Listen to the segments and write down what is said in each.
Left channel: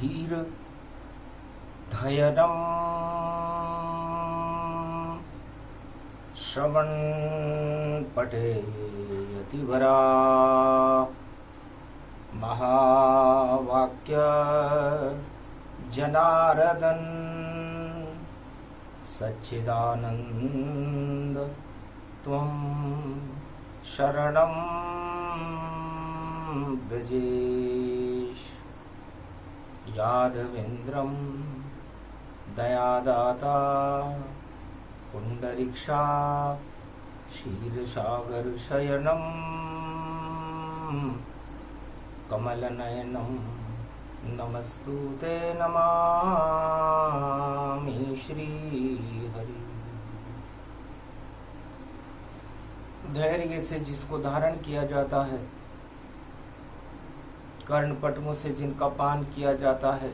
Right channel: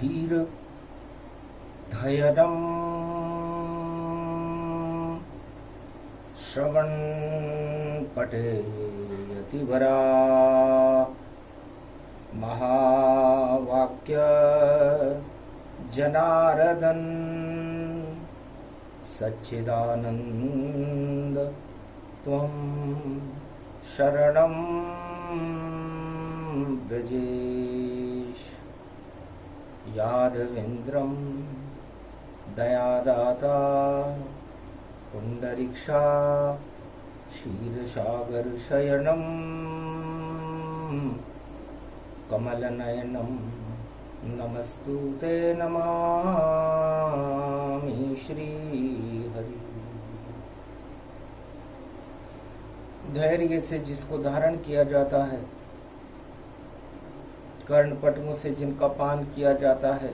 धीर धैर्यं श्रवण पठेयतिवरा महावाक्य जनार्दन सच्चिदानंद त्वं शरणं व्रजेश। यादवेन्द्रं दयादाता पुंडरीक्षा क्षीरसागरशयनं कमलनयनं नमस्तुते नमामि श्रीहरि। धैर्य से जिसको धारण किया जाता है, कर्णपटुओं से जिनका पान किया जाता है,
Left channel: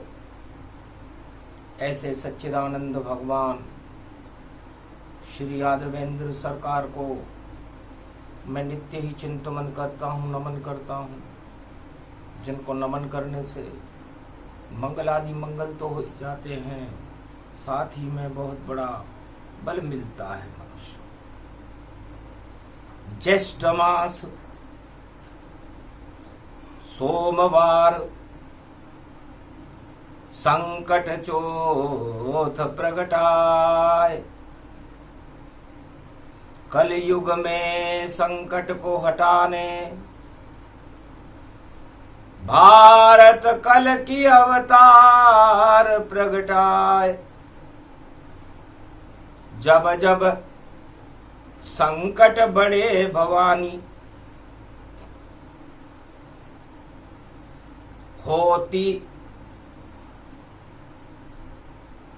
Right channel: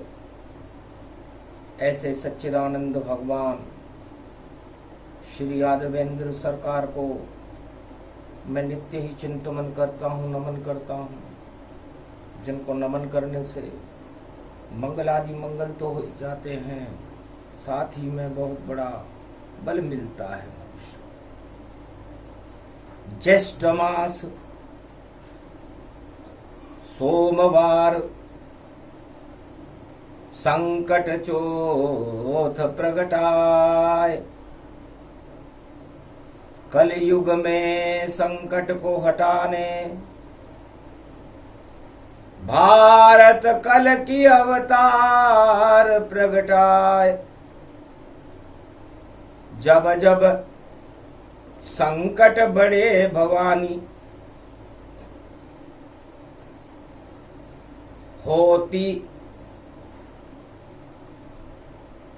ऐसे सच्चिदानंद भगवान श्री यादवेंद्र सरकार को मैं नित्य ही चिंतन करता हूँ, नमन करता हूँ। जिनको नमन करने से मंगल आदि मंगल तो हो जाते हैं, साथ ही में बहुत बड़ा बल मिलता है मनुष्य। ज्येष्ठ मास सोमवार संकट चौथ प्रगटाए। कलयुग में संकट को हटाने भारत कल की अवतार प्रगटाए। जब जब संकट बड़े भवानी, होती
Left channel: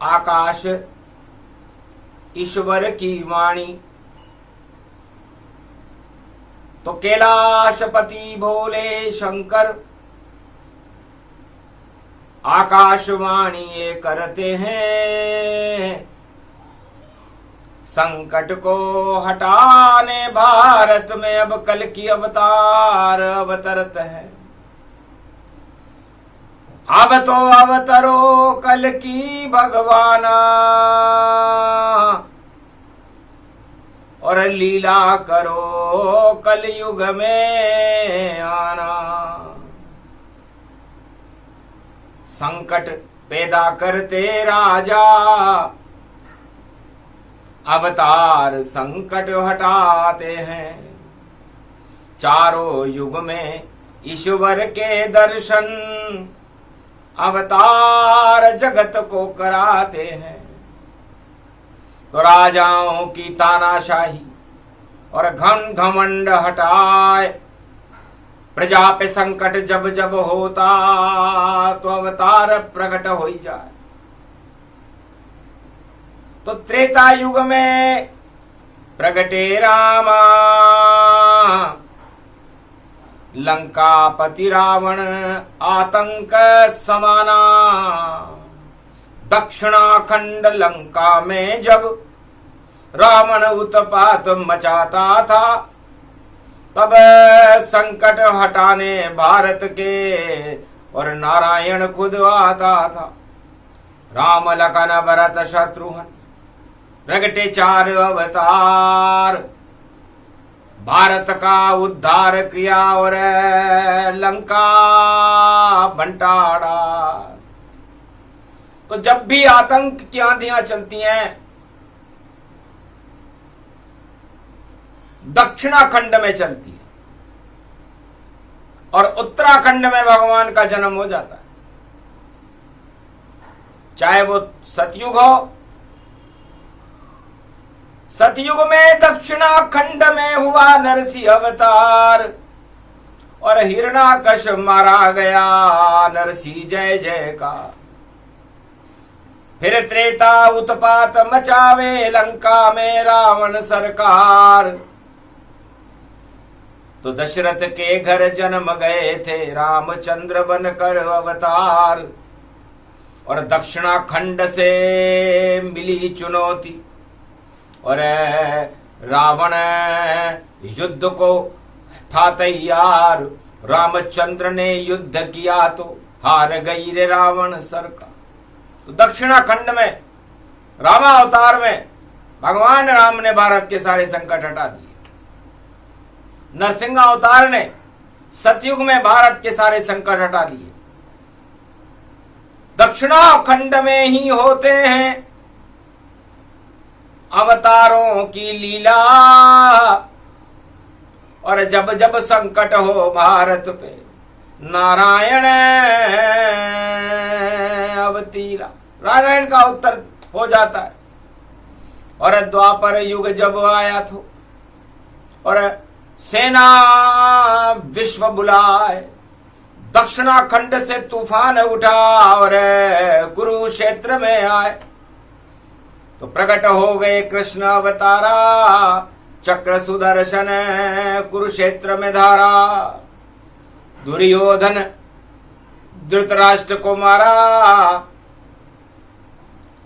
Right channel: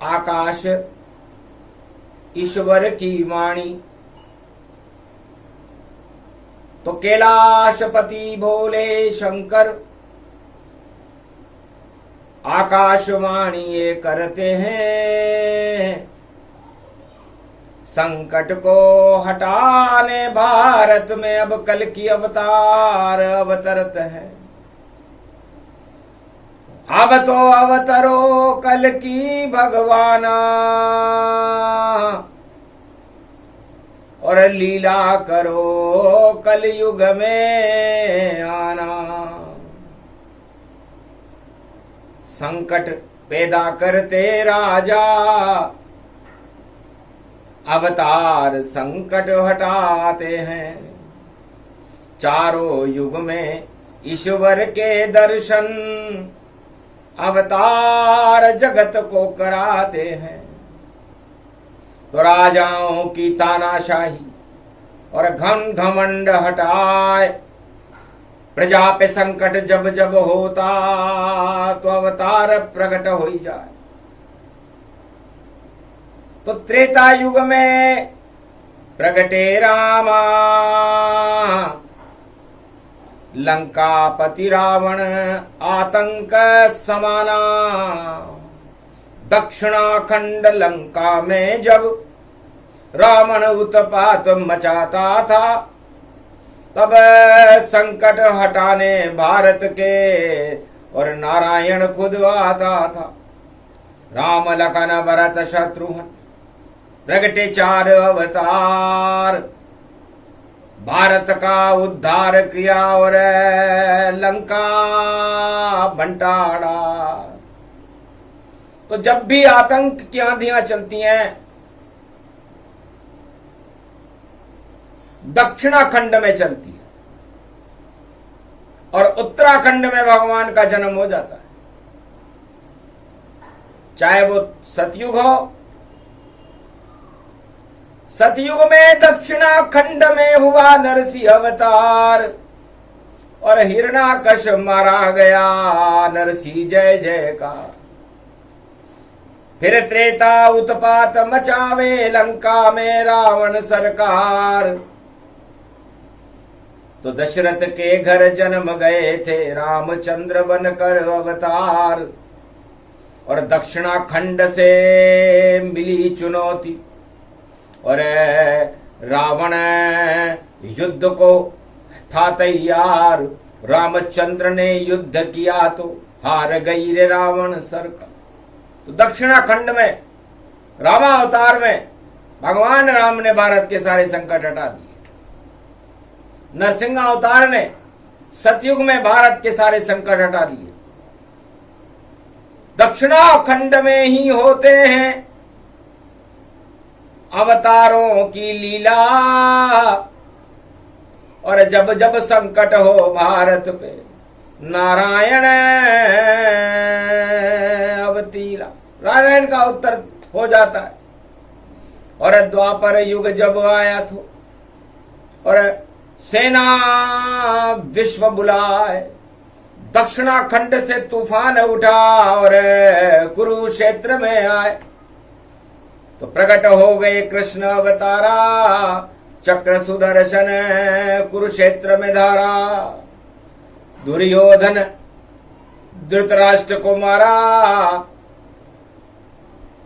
आकाश ईश्वर की वाणी। तो कैलाशपति भोले शंकर आकाशवाणी ये करते हैं, संकट को हटाने भारत में अब कल की अवतार अवतरत है। अब तो अवतरो कल की भगवाना, और लीला करो कलयुग में आना। संकट पैदा करते राजा, अवतार संकट हटाते हैं। चारों युग में ईश्वर के दर्शन, अवतार जगत को कराते हैं। तो राजाओं की तानाशाही और घमंड हटाए। प्रजा पे संकट जब जब होता, तो अवतार प्रकट हो ही जाए। तो त्रेता युग में प्रगटे रामा, लंकापति रावण आतंक समाना। दक्षिणाखंड लंका में जब रावण उत्पात मचाता था, तब संकट हटाने भारत के और नारायण खुद आता था। राम लखन भरत शत्रुघ्न प्रगटे चार अवतार, भारत का उद्धार किया और लंका बंटाड़ा। तो जब भी आतंक की आंधियां चलती हैं, दक्षिणाखंड में चलती है और उत्तराखंड में भगवान का जन्म हो जाता है। चाहे वो सतयुग हो, सतयुग में दक्षिणाखंड में हुआ नरसिंह अवतार और हिरण्याकश मारा गया, नरसिंह जय जयकार। फिर त्रेता उत्पात मचावे लंका में रावण सरकार। तो दशरथ के घर जन्म गए थे रामचंद्र बनकर अवतार। और दक्षिणाखंड से मिली चुनौती और रावण युद्ध को था तैयार। रामचंद्र ने युद्ध किया तो हार गई रे रावण सरकार। तो दक्षिणाखंड में रामावतार में भगवान राम ने भारत के सारे संकट हटा दिए। नरसिंह अवतार ने सतयुग में भारत के सारे संकट हटा दिए। दक्षिणाखंड में ही होते हैं अवतारों की लीला, और जब जब संकट हो भारत पे नारायण अवतीरा, नारायण का उत्तर हो जाता है। और द्वापर युग जब आया तो और सेना विश्व बुलाए, दक्षिणाखंड से तूफान उठा और कुरुक्षेत्र में आए, तो प्रकट हो गए कृष्ण अवतारा, चक्र सुदर्शन कुरुक्षेत्र में धारा। दुर्योधन धृतराष्ट्र को मारा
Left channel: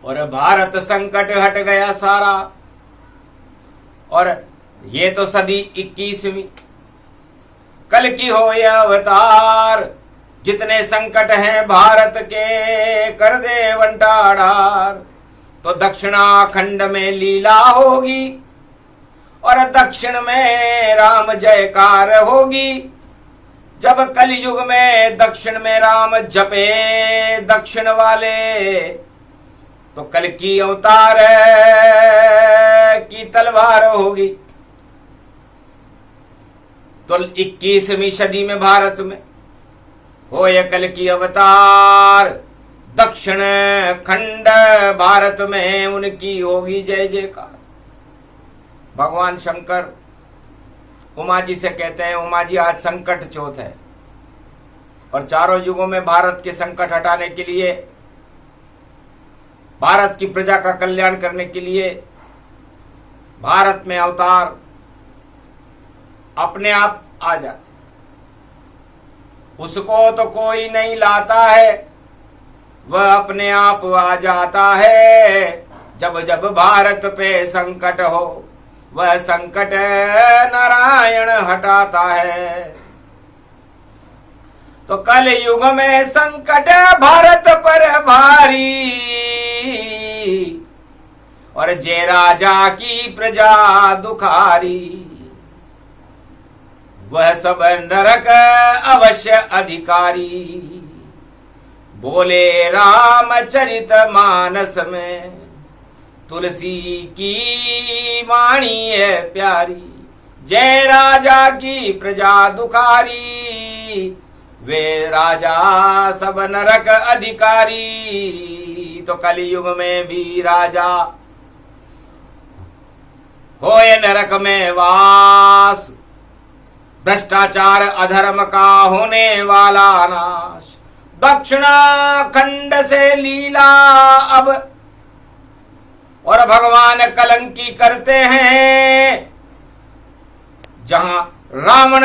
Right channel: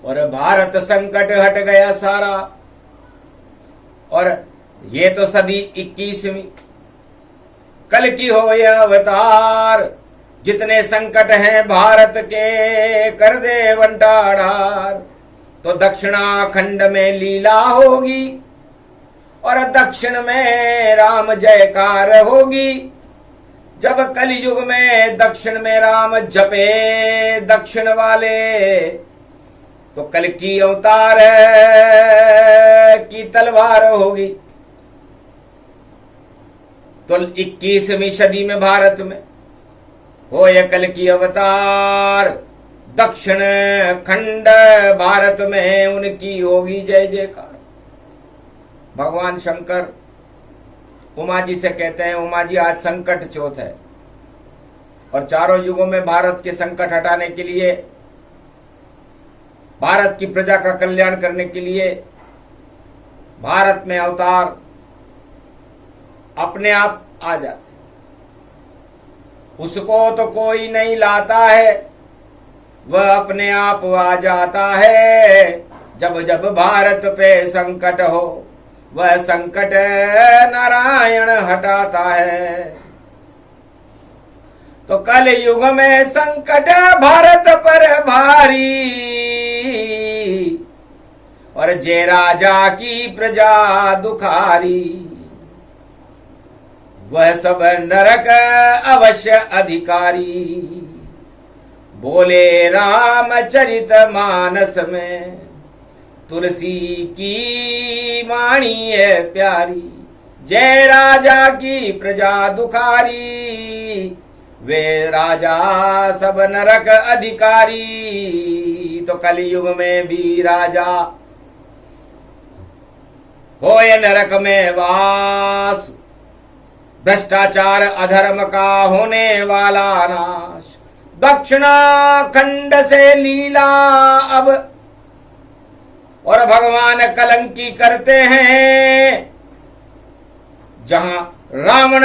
और भारत संकट हट गया सारा। और ये तो सदी 21वीं कल की हो यह अवतार, जितने संकट हैं भारत के कर दे बंटाढार। तो दक्षिणाखंड में लीला होगी और दक्षिण में राम जयकार होगी। जब कलयुग में दक्षिण में राम जपे दक्षिण वाले, तो कल की अवतार की तलवार होगी। तो 21वीं सदी में भारत में हो यह कल की अवतार, दक्षिण खंड भारत में उनकी होगी जय जयकार। भगवान शंकर उमा जी से कहते हैं, उमा जी आज संकट चौथ है और चारों युगों में भारत के संकट हटाने के लिए, भारत की प्रजा का कल्याण करने के लिए भारत में अवतार अपने आप आ जाते। उसको तो कोई नहीं लाता है, वह अपने आप आ जाता है। जब जब भारत पे संकट हो, वह संकट नारायण हटाता है। तो कल युग में संकट भारत पर भारी, और जे राजा की प्रजा दुखारी, वह सब नरक अवश्य अधिकारी। बोले रामचरित मानस में तुलसी की वाणी है प्यारी। जय राजा की प्रजा दुखारी, वे राजा सब नरक अधिकारी। तो कलयुग में भी राजा होए नरक में वास, भ्रष्टाचार अधर्म का होने वाला नाश। दक्षिणाखंड से लीला अब, और भगवान कलंकी करते हैं। जहां रावण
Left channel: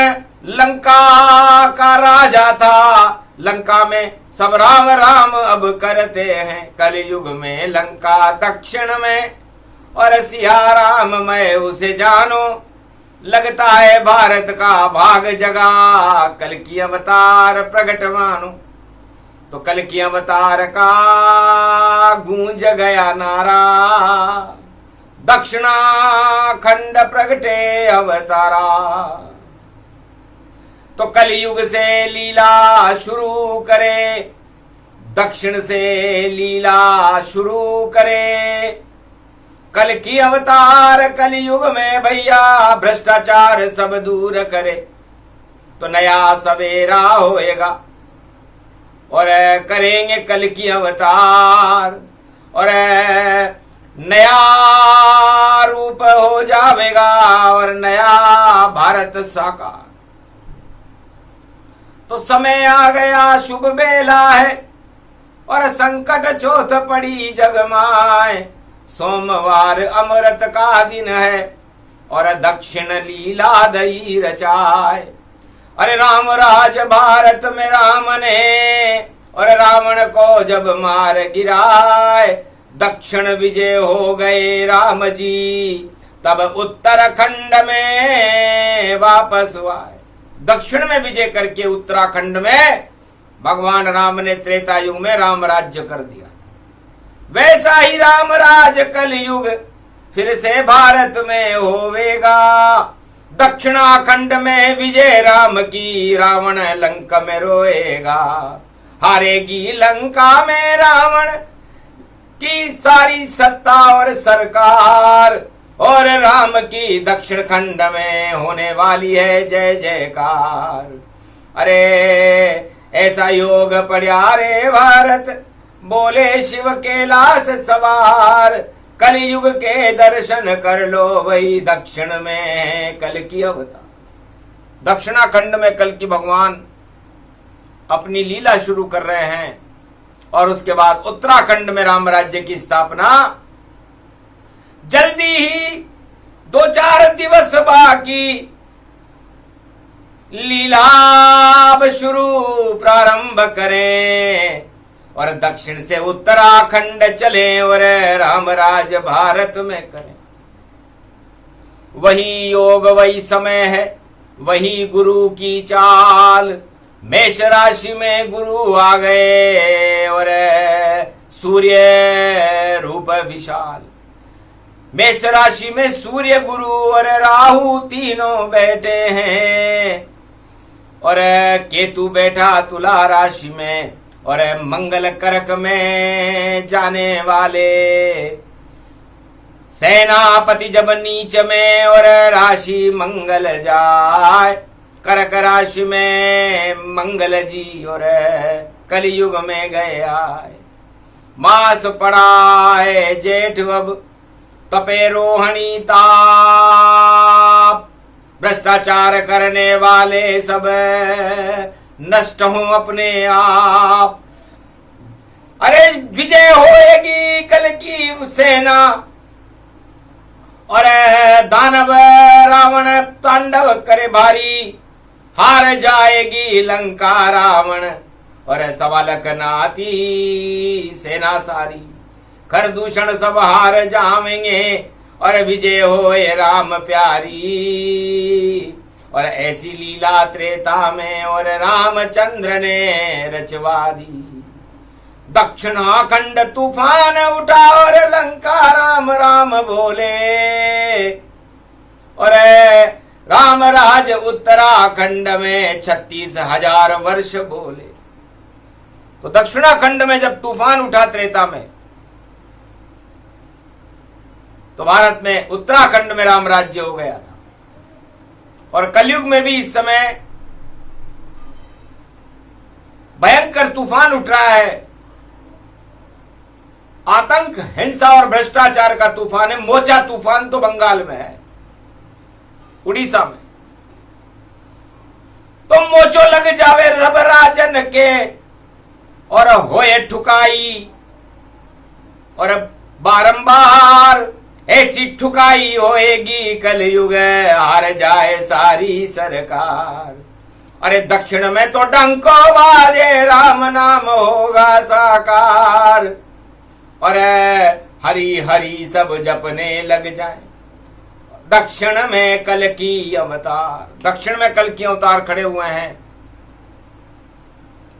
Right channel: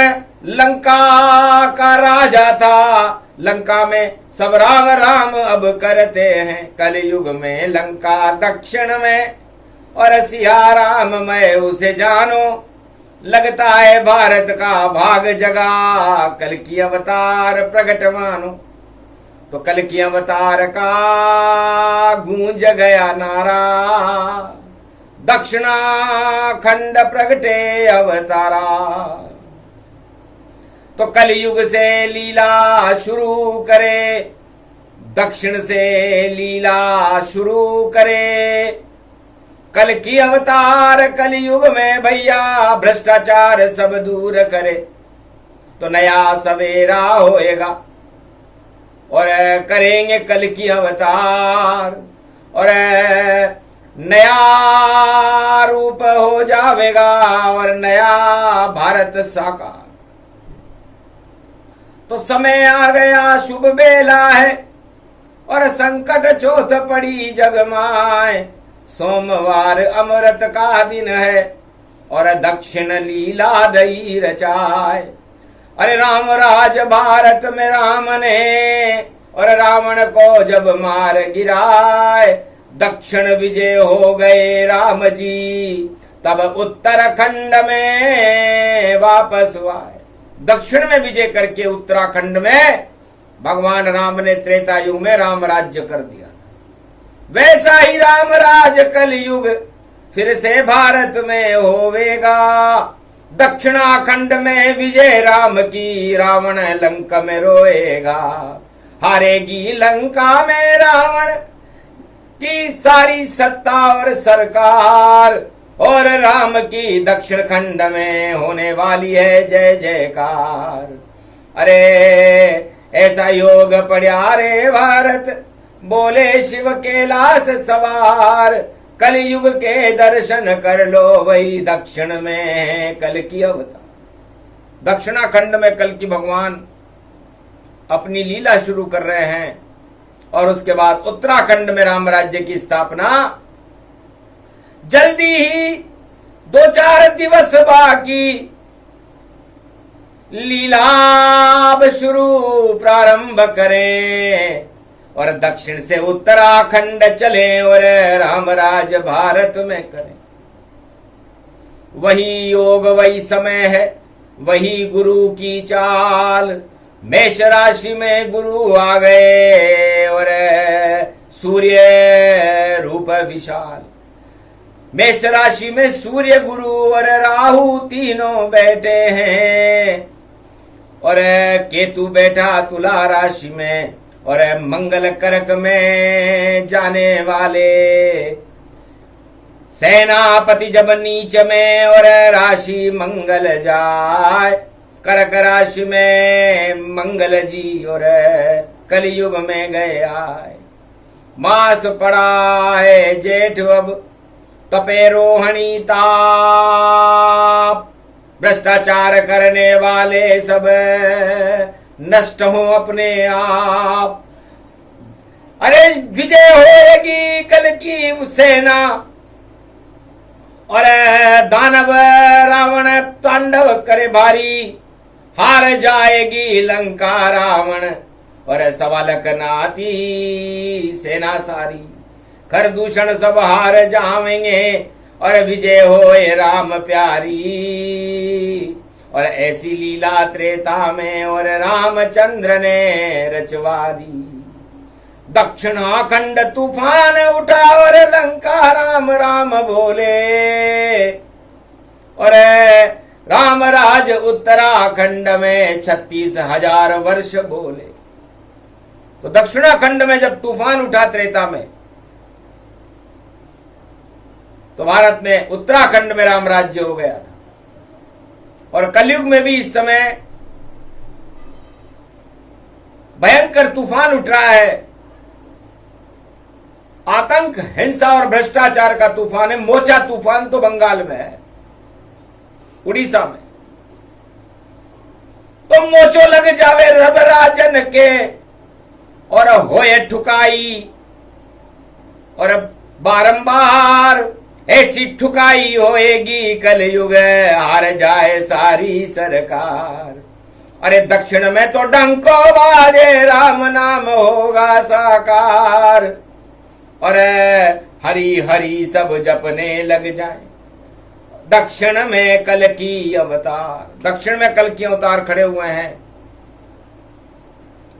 लंका का राजा था, लंका में सब राम राम अब करते हैं। कलयुग में लंका दक्षिण में, और सिया राम मैं उसे जानो। लगता है भारत का भाग जगा, कल की अवतार प्रगट मानो। तो कल की अवतार का गूंज गया नारा, दक्षिणाखंड प्रगटे अवतारा। तो कलयुग से लीला शुरू करे, दक्षिण से लीला शुरू करे। कल की अवतार कलयुग में भैया, भ्रष्टाचार सब दूर करे। तो नया सवेरा होएगा और करेंगे कल की अवतार, और नया रूप हो जाएगा और नया भारत साकार। तो समय आ गया, शुभ बेला है, और संकट चौथ पड़ी जगमाए। सोमवार अमृत का दिन है, और दक्षिण लीला दई रचाए। अरे राम राज भारत में राम ने, और रावण को जब मार गिराए। दक्षिण विजय हो गए राम जी, तब उत्तराखंड में वापस आए। दक्षिण में विजय करके उत्तराखंड में भगवान राम ने त्रेता युग में राम राज्य कर दिया था, वैसा ही राम राज कलयुग फिर से भारत में होवेगा। दक्षिणाखंड में विजय राम की, रावण लंका में रोएगा। हारेगी लंका में रावण की सारी सत्ता और सरकार, और राम की दक्षिण खंड में होने वाली है जय जयकार। अरे ऐसा योग पड़ा रे भारत, बोले शिव कैलाश सवार। कलयुग के दर्शन कर लो, वही दक्षिण में कल की अवतार। दक्षिणाखंड में कल की भगवान अपनी लीला शुरू कर रहे हैं, और उसके बाद उत्तराखंड में राम राज्य की स्थापना जल्दी ही 2-4 दिवस बाकी। लीला अब शुरू प्रारंभ करें, और दक्षिण से उत्तराखंड चले और रामराज भारत में करें। वही योग वही समय है, वही गुरु की चाल। मेष राशि में गुरु आ गए और सूर्य रूप विशाल। मेष राशि में सूर्य गुरु और राहु तीनों बैठे हैं, और केतु बैठा तुला राशि में, और मंगल कर्क में जाने वाले। सेनापति जब नीच में और राशि मंगल जाए, कर्क राशि में मंगल जी और कलयुग में गए आए। मास पड़ा है जेठ अब तपे रोहिणी ताप, भ्रष्टाचार करने वाले सब नष्ट हो अपने आप। अरे विजय होएगी कल की सेना, और दानव रावण तांडव करे भारी। हार जाएगी लंका रावण, और सवालक नाती सेना सारी। कर दूषण सब हार जावेंगे, और विजय होए राम प्यारी। और ऐसी लीला त्रेता में और रामचंद्र ने रचवा दी। दक्षिणाखंड तूफान उठा और लंका राम राम बोले, और रामराज उत्तराखंड में 36,000 वर्ष बोले। तो दक्षिणाखंड में जब तूफान उठा त्रेता में, तो भारत में उत्तराखंड में राम राज्य हो गया था। और कलयुग में भी इस समय भयंकर तूफान उठ रहा है। आतंक, हिंसा और भ्रष्टाचार का तूफान है। मोचा तूफान तो बंगाल में है, उड़ीसा में। तो मोचो लग जावे सब राजन के, और होए ठुकाई, और बारंबार ऐसी ठुकाई होएगी कलयुग, हार जाए सारी सरकार। अरे दक्षिण में तो डंको बाजे, राम नाम होगा साकार, और हरी हरी सब जपने लग जाए। दक्षिण में कल की अवतार, दक्षिण में कल की अवतार खड़े हुए हैं।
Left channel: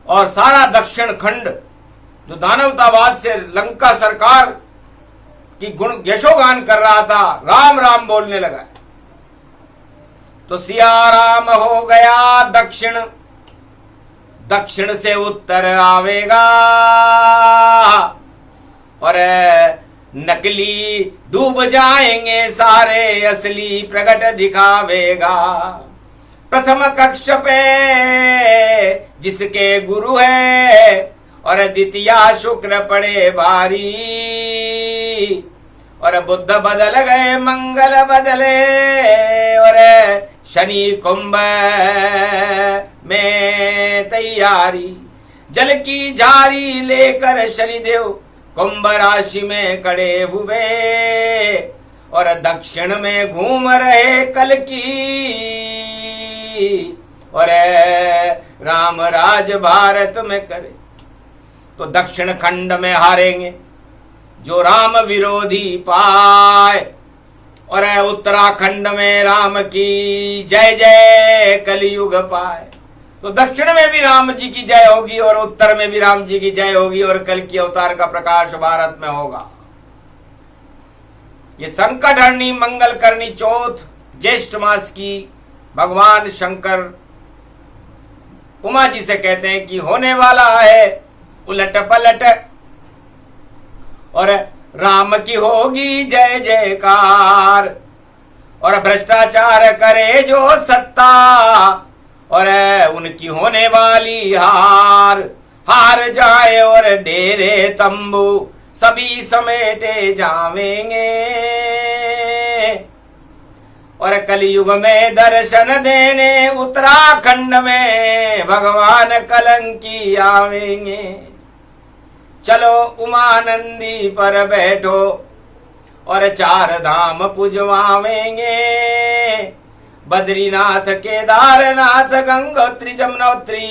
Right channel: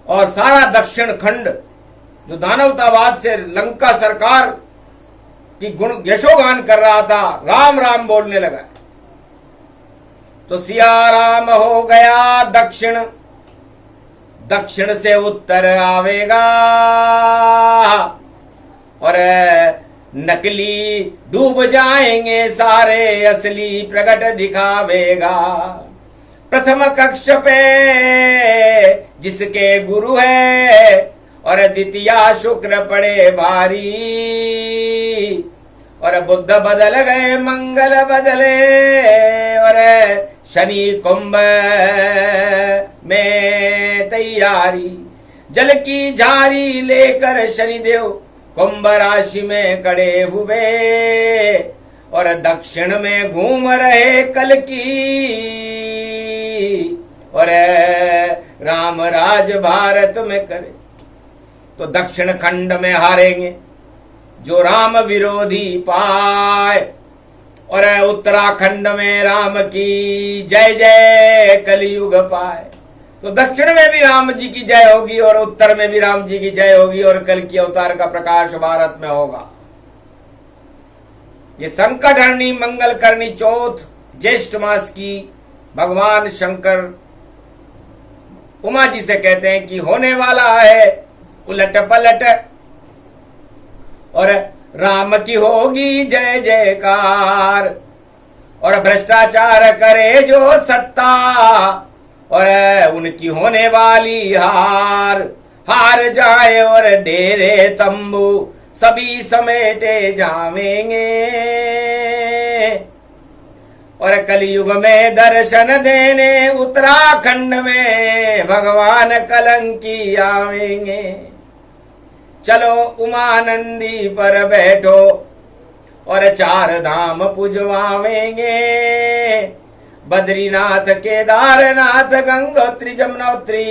और सारा दक्षिण खंड जो दानवतावाद से लंका सरकार की गुण यशोगान कर रहा था, राम राम बोलने लगा। तो सिया राम हो गया दक्षिण, दक्षिण से उत्तर आवेगा, और नकली डूब जाएंगे सारे, असली प्रकट दिखावेगा। प्रथम कक्ष पे जिसके गुरु है, और द्वितीया शुक्र पड़े भारी, और बुध बदल गए मंगल बदले, और शनि कुंभ में तैयारी। जल की झारी लेकर शनिदेव कुंभ राशि में खड़े हुए, और दक्षिण में घूम रहे कल की, और राम राज भारत में करे। तो दक्षिण खंड में हारेंगे जो राम विरोधी पाए, और उत्तराखंड में राम की जय जय कलयुग पाए। तो दक्षिण में भी राम जी की जय होगी और उत्तर में भी राम जी की जय होगी और कल की अवतार का प्रकाश भारत में होगा। ये संकट हरणी मंगल करनी चौथ ज्येष्ठ मास की भगवान शंकर उमा जी से कहते हैं कि होने वाला है उलट पलट और राम की होगी जय जयकार और भ्रष्टाचार करे जो सत्ता और उनकी होने वाली हार जाए और डेरे तंबू सभी समेटे जावेंगे और कलयुग में दर्शन देने उत्तराखंड में भगवान कलंकी आवेंगे। चलो उमानंदी पर बैठो और चार धाम पुजवावेंगे, बद्रीनाथ केदारनाथ गंगोत्री जमुनोत्री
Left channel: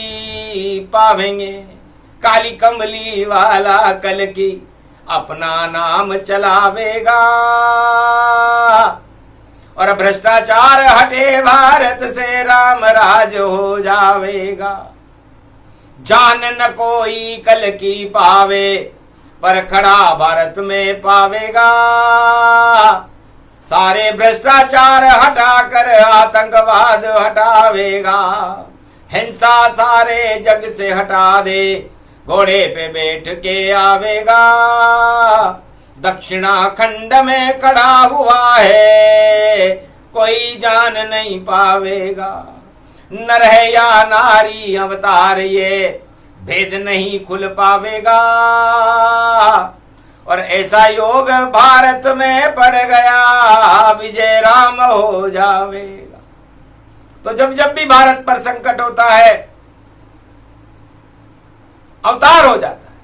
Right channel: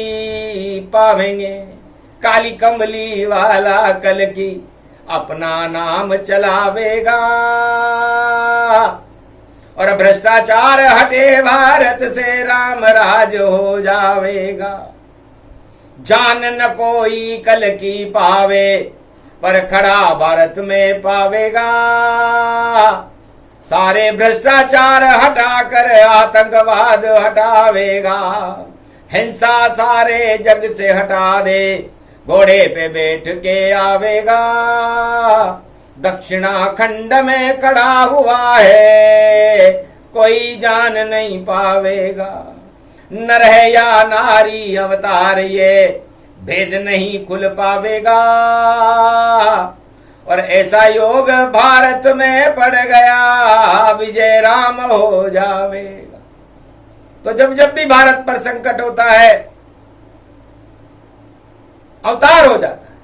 पावेंगे। काली कमली वाला कल की अपना नाम चलावेगा और भ्रष्टाचार हटे भारत से राम राज हो जावेगा। जान न कोई कल की पावे पर खड़ा भारत में पावेगा। सारे भ्रष्टाचार हटाकर आतंकवाद हटावेगा। हिंसा सारे जग से हटा दे घोड़े पे बैठ के आवेगा। दक्षिणाखंड में खड़ा हुआ है कोई जान नहीं पावेगा। नर है या नारी अवतार ये भेद नहीं खुल पावेगा और ऐसा योग भारत में पड़ गया विजय राम हो जावेगा। तो जब जब भी भारत पर संकट होता है अवतार हो जाता है,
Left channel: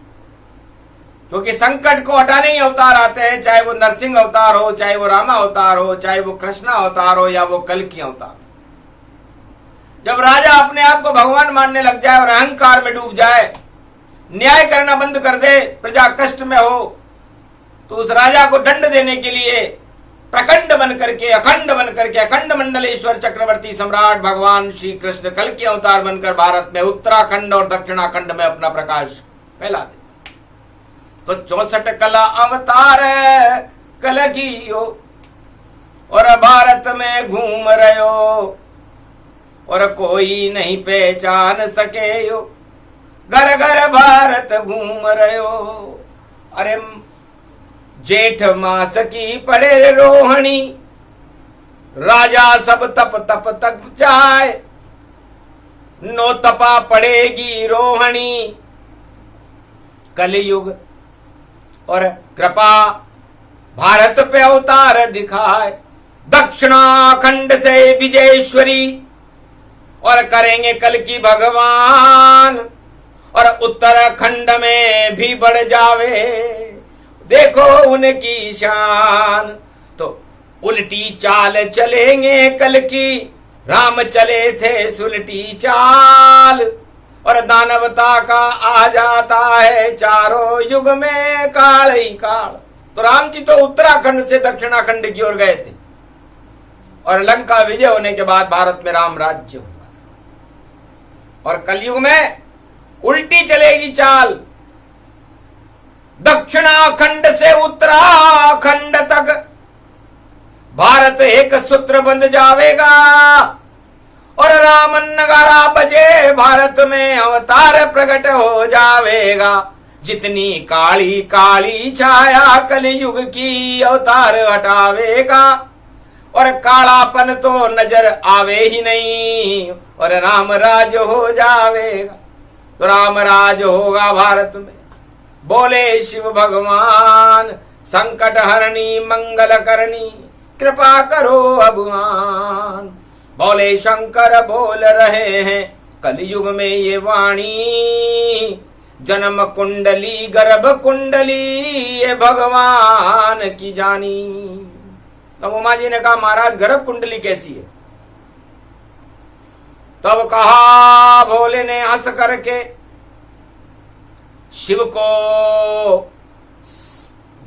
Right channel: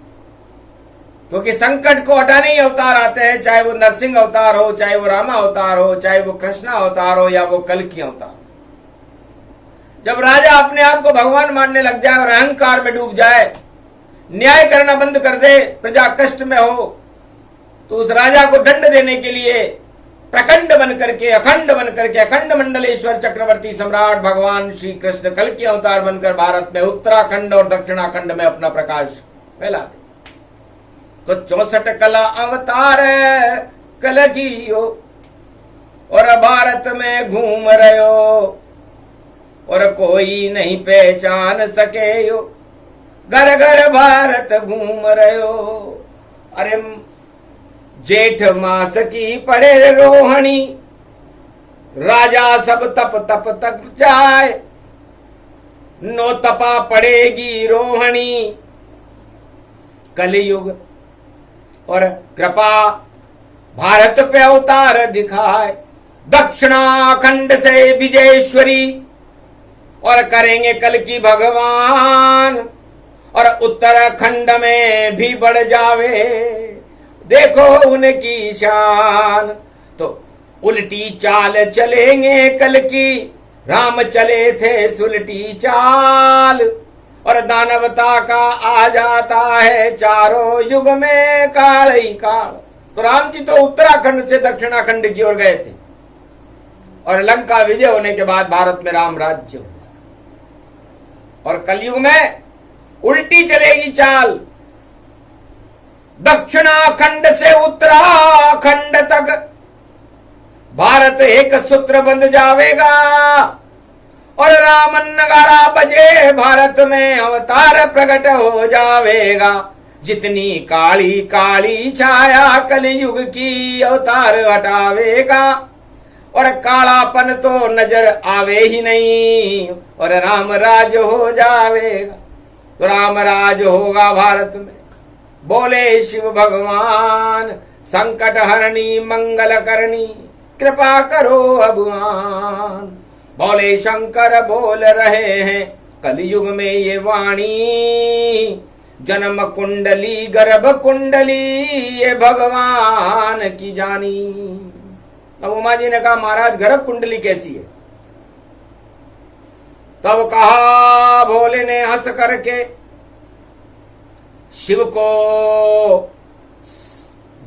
क्योंकि संकट को हटाने ही अवतार आते हैं, चाहे वो नरसिंह अवतार हो, चाहे वो रामा अवतार हो, चाहे वो कृष्णा अवतार हो या वो कल्कि अवतार। जब राजा अपने आप को भगवान मानने लग जाए और अहंकार में डूब जाए, न्याय करना बंद कर दे, प्रजा कष्ट में हो, तो उस राजा को दंड देने के लिए प्रखंड बन करके अखंड बन करके अखंड मंडलेश्वर चक्रवर्ती सम्राट भगवान श्री कृष्ण कल्कि अवतार बनकर भारत में उत्तराखंड और दक्षिणाखंड में अपना प्रकाश फैला दे। तो 64 कला अवतार कल्कि हो और भारत में घूम रहे हो और कोई नहीं पहचान सके हो। घर घर भारत घूम रहे हो। अरे जेठ मास की पड़े रोहिणी, राजा सब तप तप तक जाए, नो तपा पड़ेगी रोहिणी। कलयुग और कृपा भारत पे अवतार दिखाए, दक्षिणाखंड से विजयेश्वरी और करेंगे कल की भगवान और उत्तराखंड में भी बढ़ जावे, देखो उनकी शान। तो उल्टी चाल चलेंगे कल की, राम चले थे सुलटी चाल और दानवता का आ जाता है चारों युग में काल ही काल। तो राम जी तो उत्तराखंड से दक्षिणाखंड की ओर गए थे और लंका विजय होने के बाद भारत में राम राज्य हुआ और कलयुग में उल्टी चलेगी चाल। दक्षिणाखंड से उत्तराखंड तक भारत एक सूत्र बंध जावेगा और राम नगारा बजे भारत में अवतार प्रकट हो जावेगा। जितनी काली काली छाया कलयुग की अवतार हटावेगा और कालापन तो नजर आवे ही नहीं और राम राज हो जावेगा। तो राम राज होगा भारत में। बोले शिव भगवान संकट हरणी मंगल करनी, कृपा करो भगवान। बोले शंकर बोल रहे हैं कलयुग में ये वाणी, जन्म कुंडली गर्भ कुंडली ये भगवान की जानी। तब उमा जी ने कहा महाराज गर्भ कुंडली कैसी है? तब कहा भोले ने हंस करके शिव को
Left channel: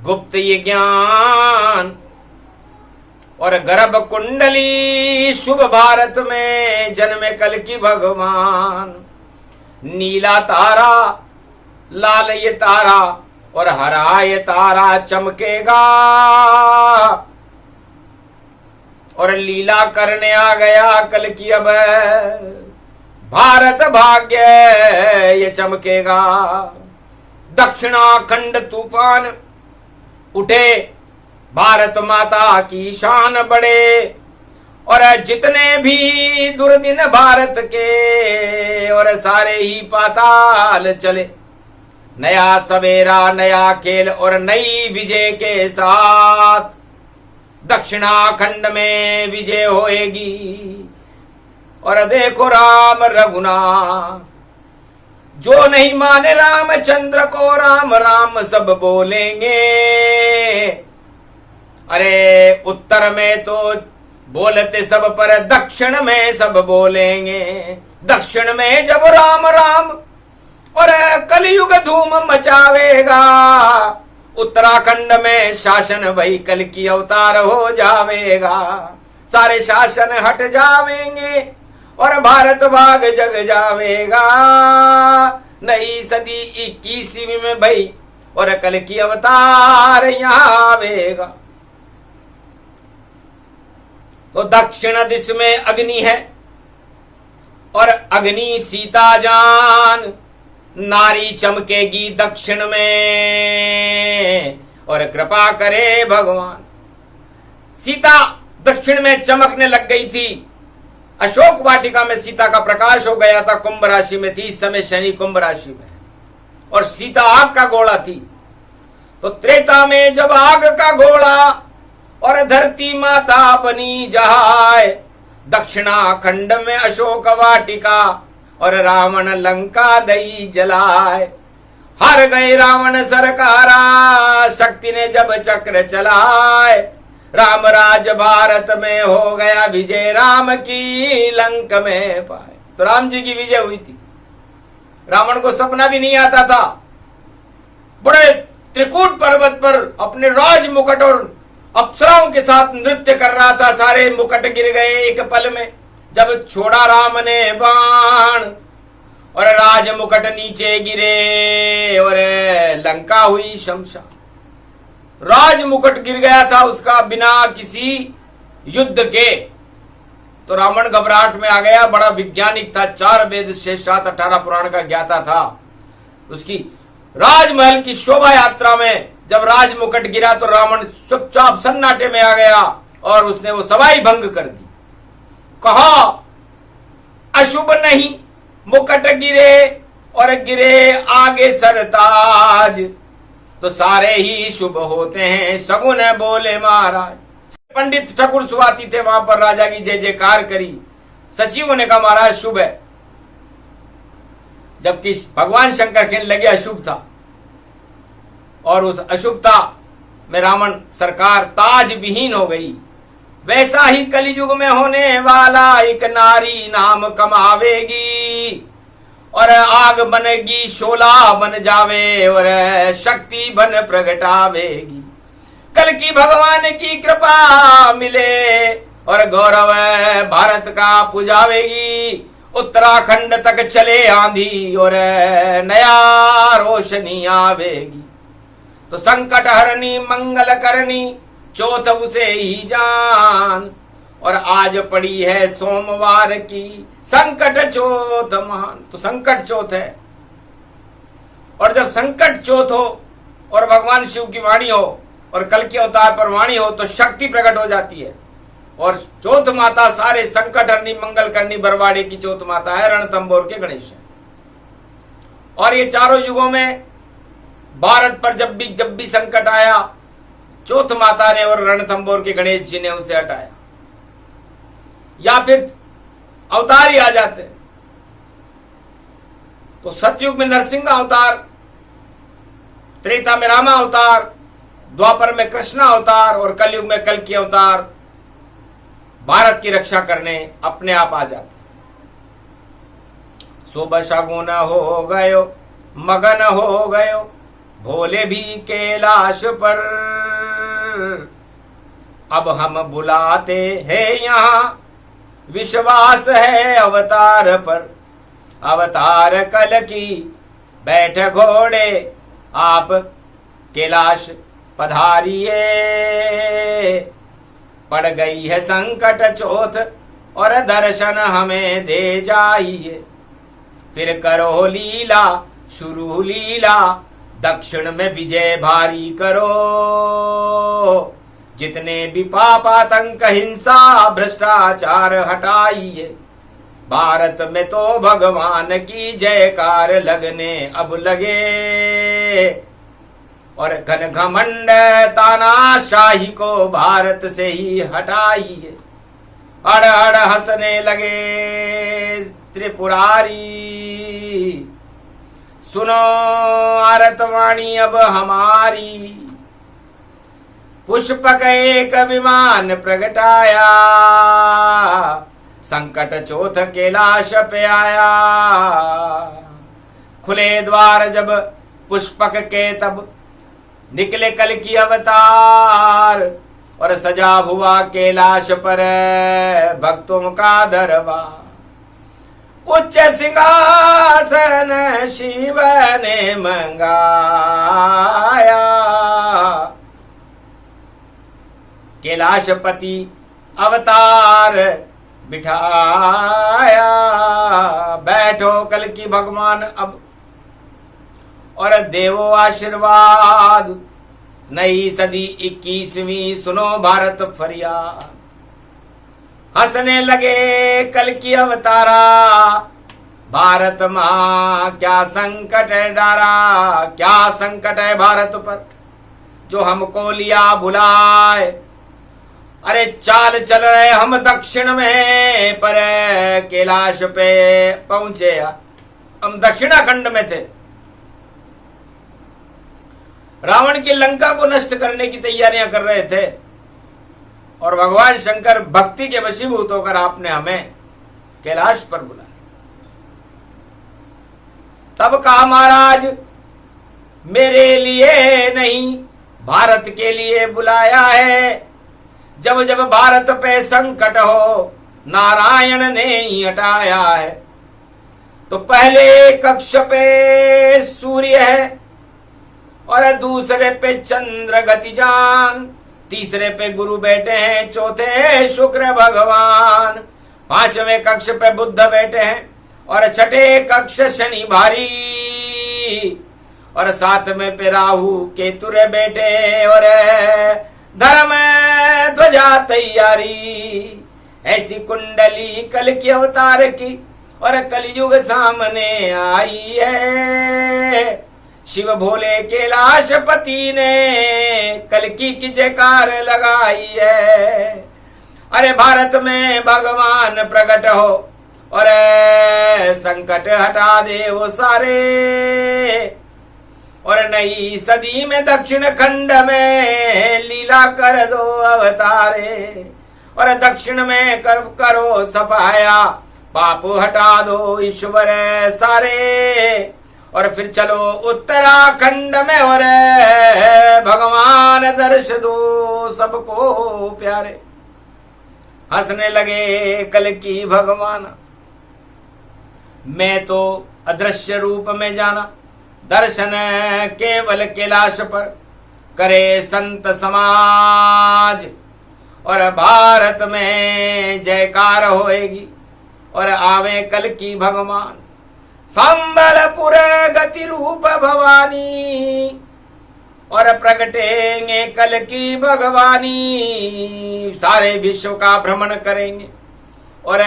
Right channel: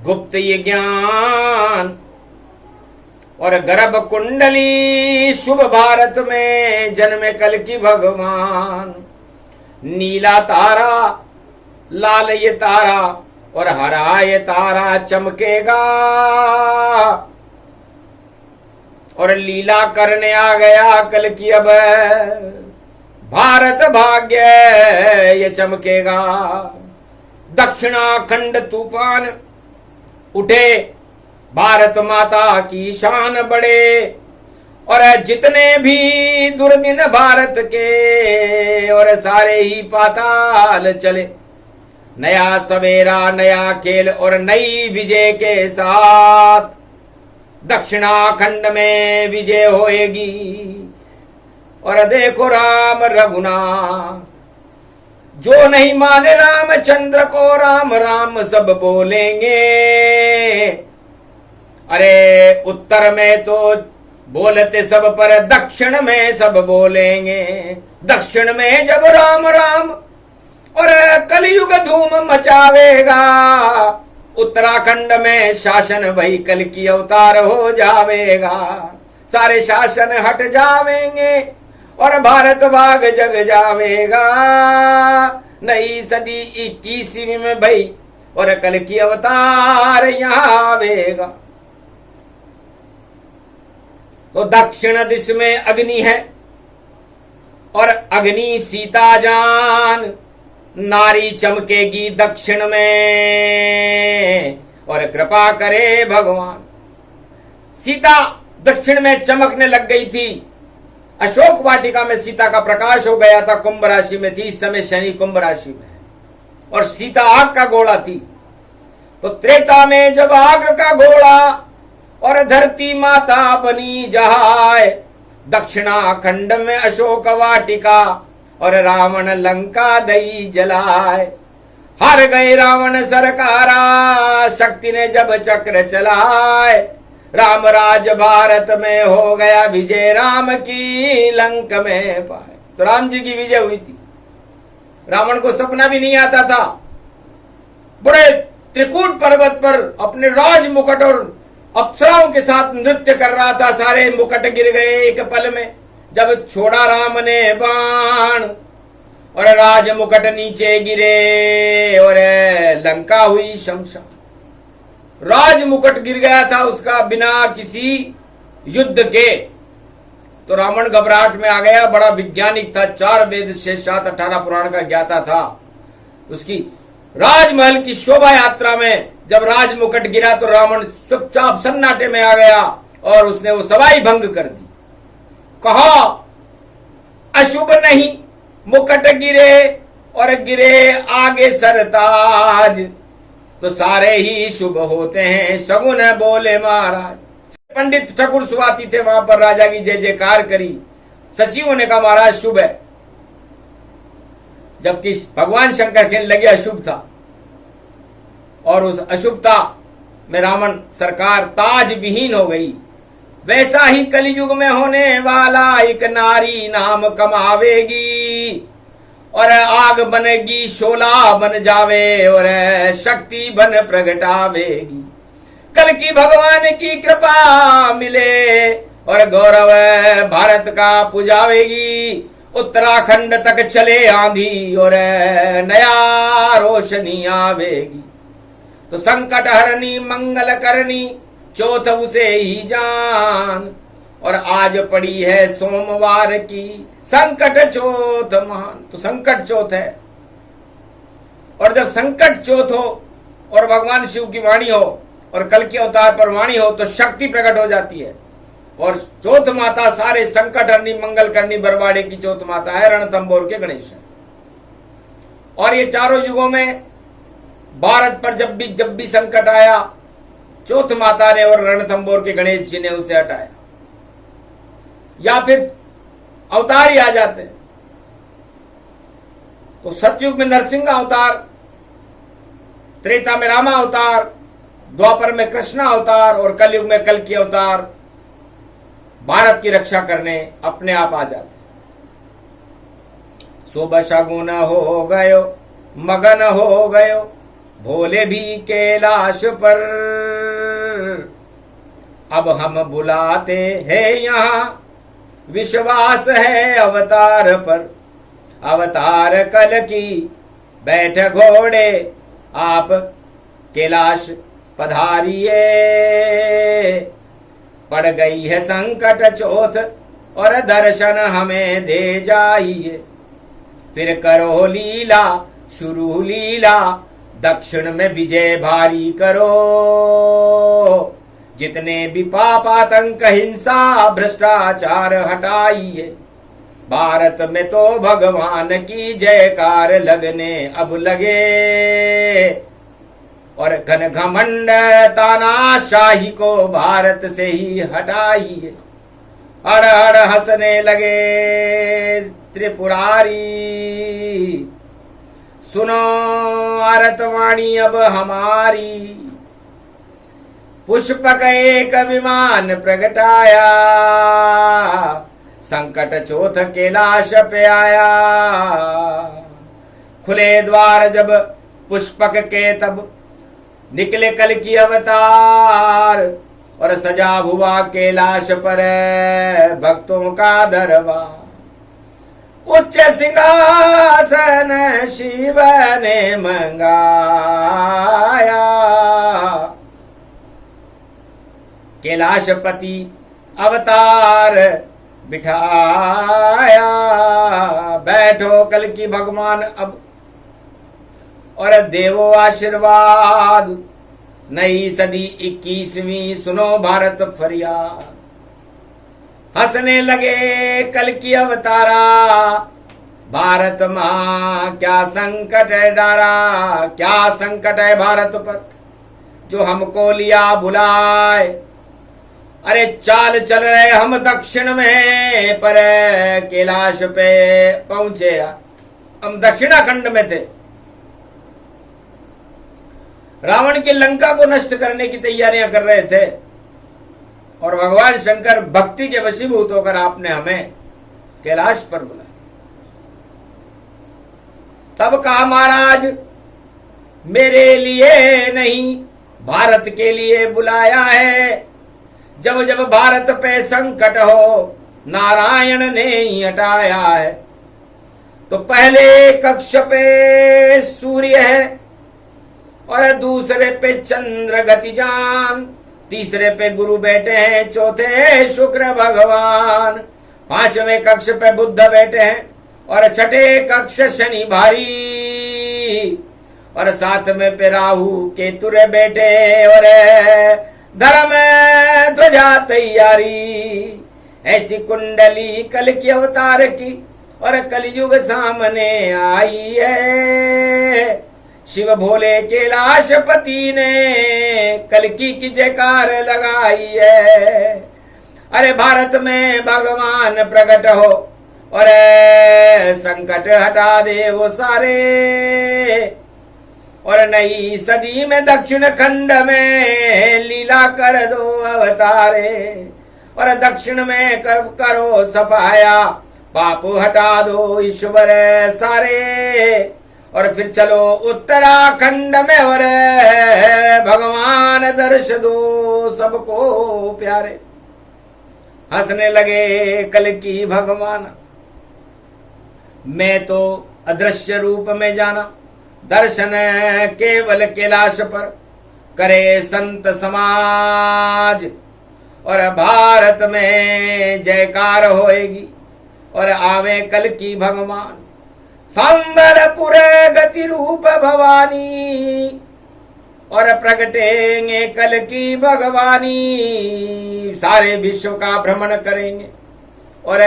गुप्त ये ज्ञान और गर्भ कुंडली शुभ भारत में जन्मे कल की भगवान। नीला तारा लाल ये तारा और हरा ये तारा चमकेगा, और लीला करने आ गया कल की अब भारत भाग्य ये चमकेगा। दक्षिणाखंड तूफान उठे, भारत माता की शान बढ़े, और जितने भी दुर्दिन भारत के और सारे ही पाताल चले। नया सवेरा नया खेल और नई विजय के साथ दक्षिणाखंड में विजय होएगी। और देखो राम रघुनाथ, जो नहीं माने रामचंद्र को राम राम सब बोलेंगे। अरे उत्तर में तो बोलते सब पर दक्षिण में सब बोलेंगे। दक्षिण में जब राम राम और कलयुग धूम मचावेगा, उत्तराखंड में शासन वही कल की अवतार हो जावेगा। सारे शासन हट जावेंगे और भारत भाग जग जावेगा। नई सदी 21वीं में भाई और कल की अवतार यहाँ आवेगा। तो दक्षिण दिश में अग्नि है और अग्नि सीता जान। नारी चमकेगी दक्षिण में और कृपा करे भगवान। सीता दक्षिण में चमकने लग गई थी। अशोक वाटिका में सीता का प्रकाश हो गया था। कुंभ राशि में थी इस समय, शनि कुंभ राशि में, और सीता आग का घोड़ा थी। तो त्रेता में जब आग का घोड़ा और धरती माता बनी जहाय, दक्षिणाखंड में अशोक वाटिका और रावण लंका दई जलाए। हार गए रावण सरकारा, शक्ति ने जब चक्र चलाए। राम राज भारत में हो गया विजय, राम की लंक में पाए। तो राम जी की विजय हुई थी। रावण को सपना भी नहीं आता था। बड़े त्रिकूट पर्वत पर अपने राज मुकुट और अप्सराओं के साथ नृत्य कर रहा था। सारे मुकुट गिर गए एक पल में जब छोड़ा राम ने बाण, और राज मुकुट नीचे गिरे और लंका हुई शमशान। राज मुकुट गिर गया था उसका बिना किसी युद्ध के। तो रावण घबराहट में आ गया। बड़ा वैज्ञानिक था, 4 वेद शेष 18 पुराण का ज्ञाता था। उसकी राजमहल की शोभा यात्रा में जब राज मुकुट गिरा तो रावण चुपचाप सन्नाटे में आ गया और उसने वो सवाई भंग कर दी। कहा अशुभ नहीं मुकुट गिरे और गिरे आगे सरताज, तो सारे ही शुभ होते हैं सगुन बोले महाराज। पंडित ठाकुर सुवाती थे वहां पर, राजा की जय जयकार करी। सचिवों ने कहा महाराज शुभ है, जबकि भगवान शंकर कहने लगे अशुभ था। और उस अशुभता में रावण सरकार ताज विहीन हो गई। वैसा ही कलयुग में होने वाला, एक नारी नाम कमावेगी और आग बनेगी शोला बन जावे और शक्ति बन प्रगटावेगी। कल की भगवान की कृपा मिले और गौरव भारत का पुजावेगी। उत्तराखंड तक चले आंधी और नया रोशनी आवेगी। तो संकट हरनी मंगल करनी चौथ उसे ही जान, और आज पड़ी है सोमवार की संकट चौथ महान। तो संकट चौथ है, और जब संकट चौथ हो और भगवान शिव की वाणी हो और कल के अवतार पर वाणी हो तो शक्ति प्रकट हो जाती है। और चौथ माता सारे संकट हरनी मंगल करनी बरवाड़े की चौथ माता है, रणथंभौर के गणेश है। और ये चारों युगों में भारत पर जब भी संकट आया, चौथ माता ने और रणथंभौर के गणेश जी ने उसे हटाया, या फिर अवतार ही आ जाते। तो सतयुग में नरसिंह अवतार, त्रेता में रामा अवतार, द्वापर में कृष्ण अवतार और कलयुग में कल की अवतार भारत की रक्षा करने अपने आप आ जाते। शुभ शगुन हो गयो मगन हो गयो भोले भी कैलाश पर, अब हम बुलाते हैं यहाँ, विश्वास है अवतार पर। अवतार कल की बैठ घोड़े, आप कैलाश पधारिए। पड़ गई है संकट चौथ और दर्शन हमें दे जाइए। फिर करो लीला शुरू लीला, दक्षिण में विजय भारी करो। जितने भी पाप आतंक हिंसा भ्रष्टाचार हटाइए। भारत में तो भगवान की जयकार लगने अब लगे। और घन घमंड तानाशाही को भारत से ही हटाइए। अड़ अड़ हंसने लगे त्रिपुरारी, सुनो आरतवाणी अब हमारी। पुष्पक एक विमान प्रगटाया, संकट चौथ कैलाश पे आया। खुले द्वार जब पुष्पक के, तब निकले कल की अवतार। और सजा हुआ कैलाश पर भक्तों का दरबार। उच्च सिंहासन शिव ने मंगाया, कैलाशपति अवतार बिठाया। बैठो कल की भगवान अब और देवो आशीर्वाद। नई सदी 21वीं सुनो भारत फरियाद। हंसने लगे कल की अवतारा, भारत मां क्या संकट है डारा। क्या संकट है भारत पर जो हमको लिया बुलाए। अरे चाल चल रहे हम दक्षिण में, पर कैलाश पे पहुंचे हम दक्षिणाखंड में थे। रावण की लंका को नष्ट करने की तैयारियां कर रहे थे और भगवान शंकर भक्ति के वशीभूत होकर आपने हमें कैलाश पर बुलाया। तब कहा महाराज मेरे लिए नहीं भारत के लिए बुलाया है। जब जब भारत पे संकट हो नारायण ने ही हटाया है। तो पहले कक्ष पे सूर्य है और दूसरे पे चंद्र गतिजान, तीसरे पे गुरु बैठे हैं, चौथे शुक्र भगवान, पांचवें कक्ष पे बुद्ध बैठे हैं और छठे कक्ष शनि भारी और सातवें पे राहु केतुरे बैठे और धर्म ध्वजा तैयारी। ऐसी कुंडली कल की अवतार की और कलयुग सामने आई है। शिव भोले कैलाशपति ने कल की जयकार लगाई है। अरे भारत में भगवान प्रकट हो और संकट हटा दे वो सारे। और नई सदी में दक्षिण खंड में लीला कर दो अवतारे। और दक्षिण में करो सफाया, पाप हटा दो ईश्वर सारे। और फिर चलो उत्तराखंड में और भगवान दर्श दो सबको प्यारे। हंसने लगे कल की भगवान, मैं तो अदृश्य रूप में जाना। दर्शन केवल कैलाश पर करे संत समाज। और भारत में जयकार होएगी और आवे कल की भगवान। संबलपुर गति रूप भवानी और प्रगटेंगे कल की भगवानी। सारे विश्व का भ्रमण करेंगे और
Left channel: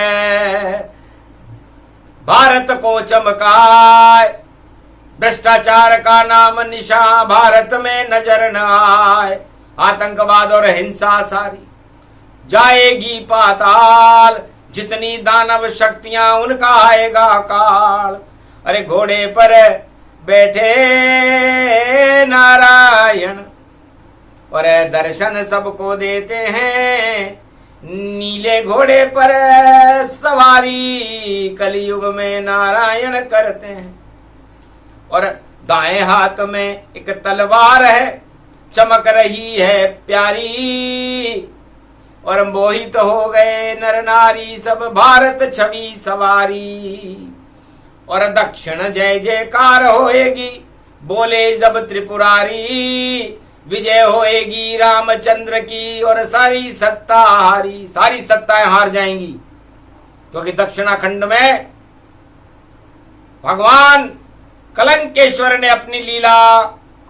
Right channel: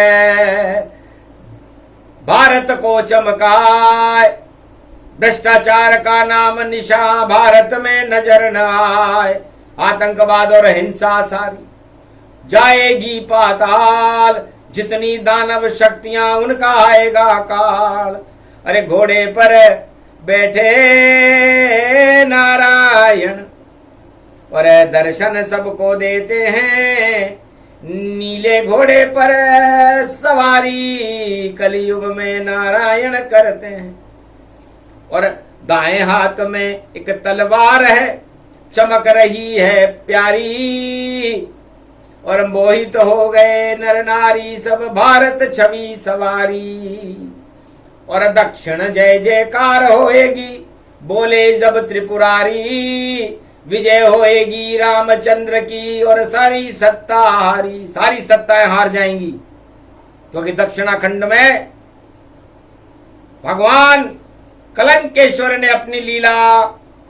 भारत को चमकाए। भ्रष्टाचार का नाम निशा भारत में नजर न आए। आतंकवाद और हिंसा सारी जाएगी पाताल। जितनी दानव शक्तियां उनका आएगा काल। अरे घोड़े पर बैठे नारायण और दर्शन सबको देते हैं। नीले घोड़े पर सवारी कलयुग में नारायण करते हैं। और दाएं हाथ में एक तलवार है, चमक रही है प्यारी। और मोहित हो गए नर नारी सब भारत छवि सवारी। और दक्षिण जय जयकार होएगी बोले जब त्रिपुरारी। विजय होएगी रामचंद्र की और सारी सत्ता हारी, सारी सत्ताएं हार जाएंगी, क्योंकि दक्षिणाखंड में भगवान कलंकेश्वर ने अपनी लीला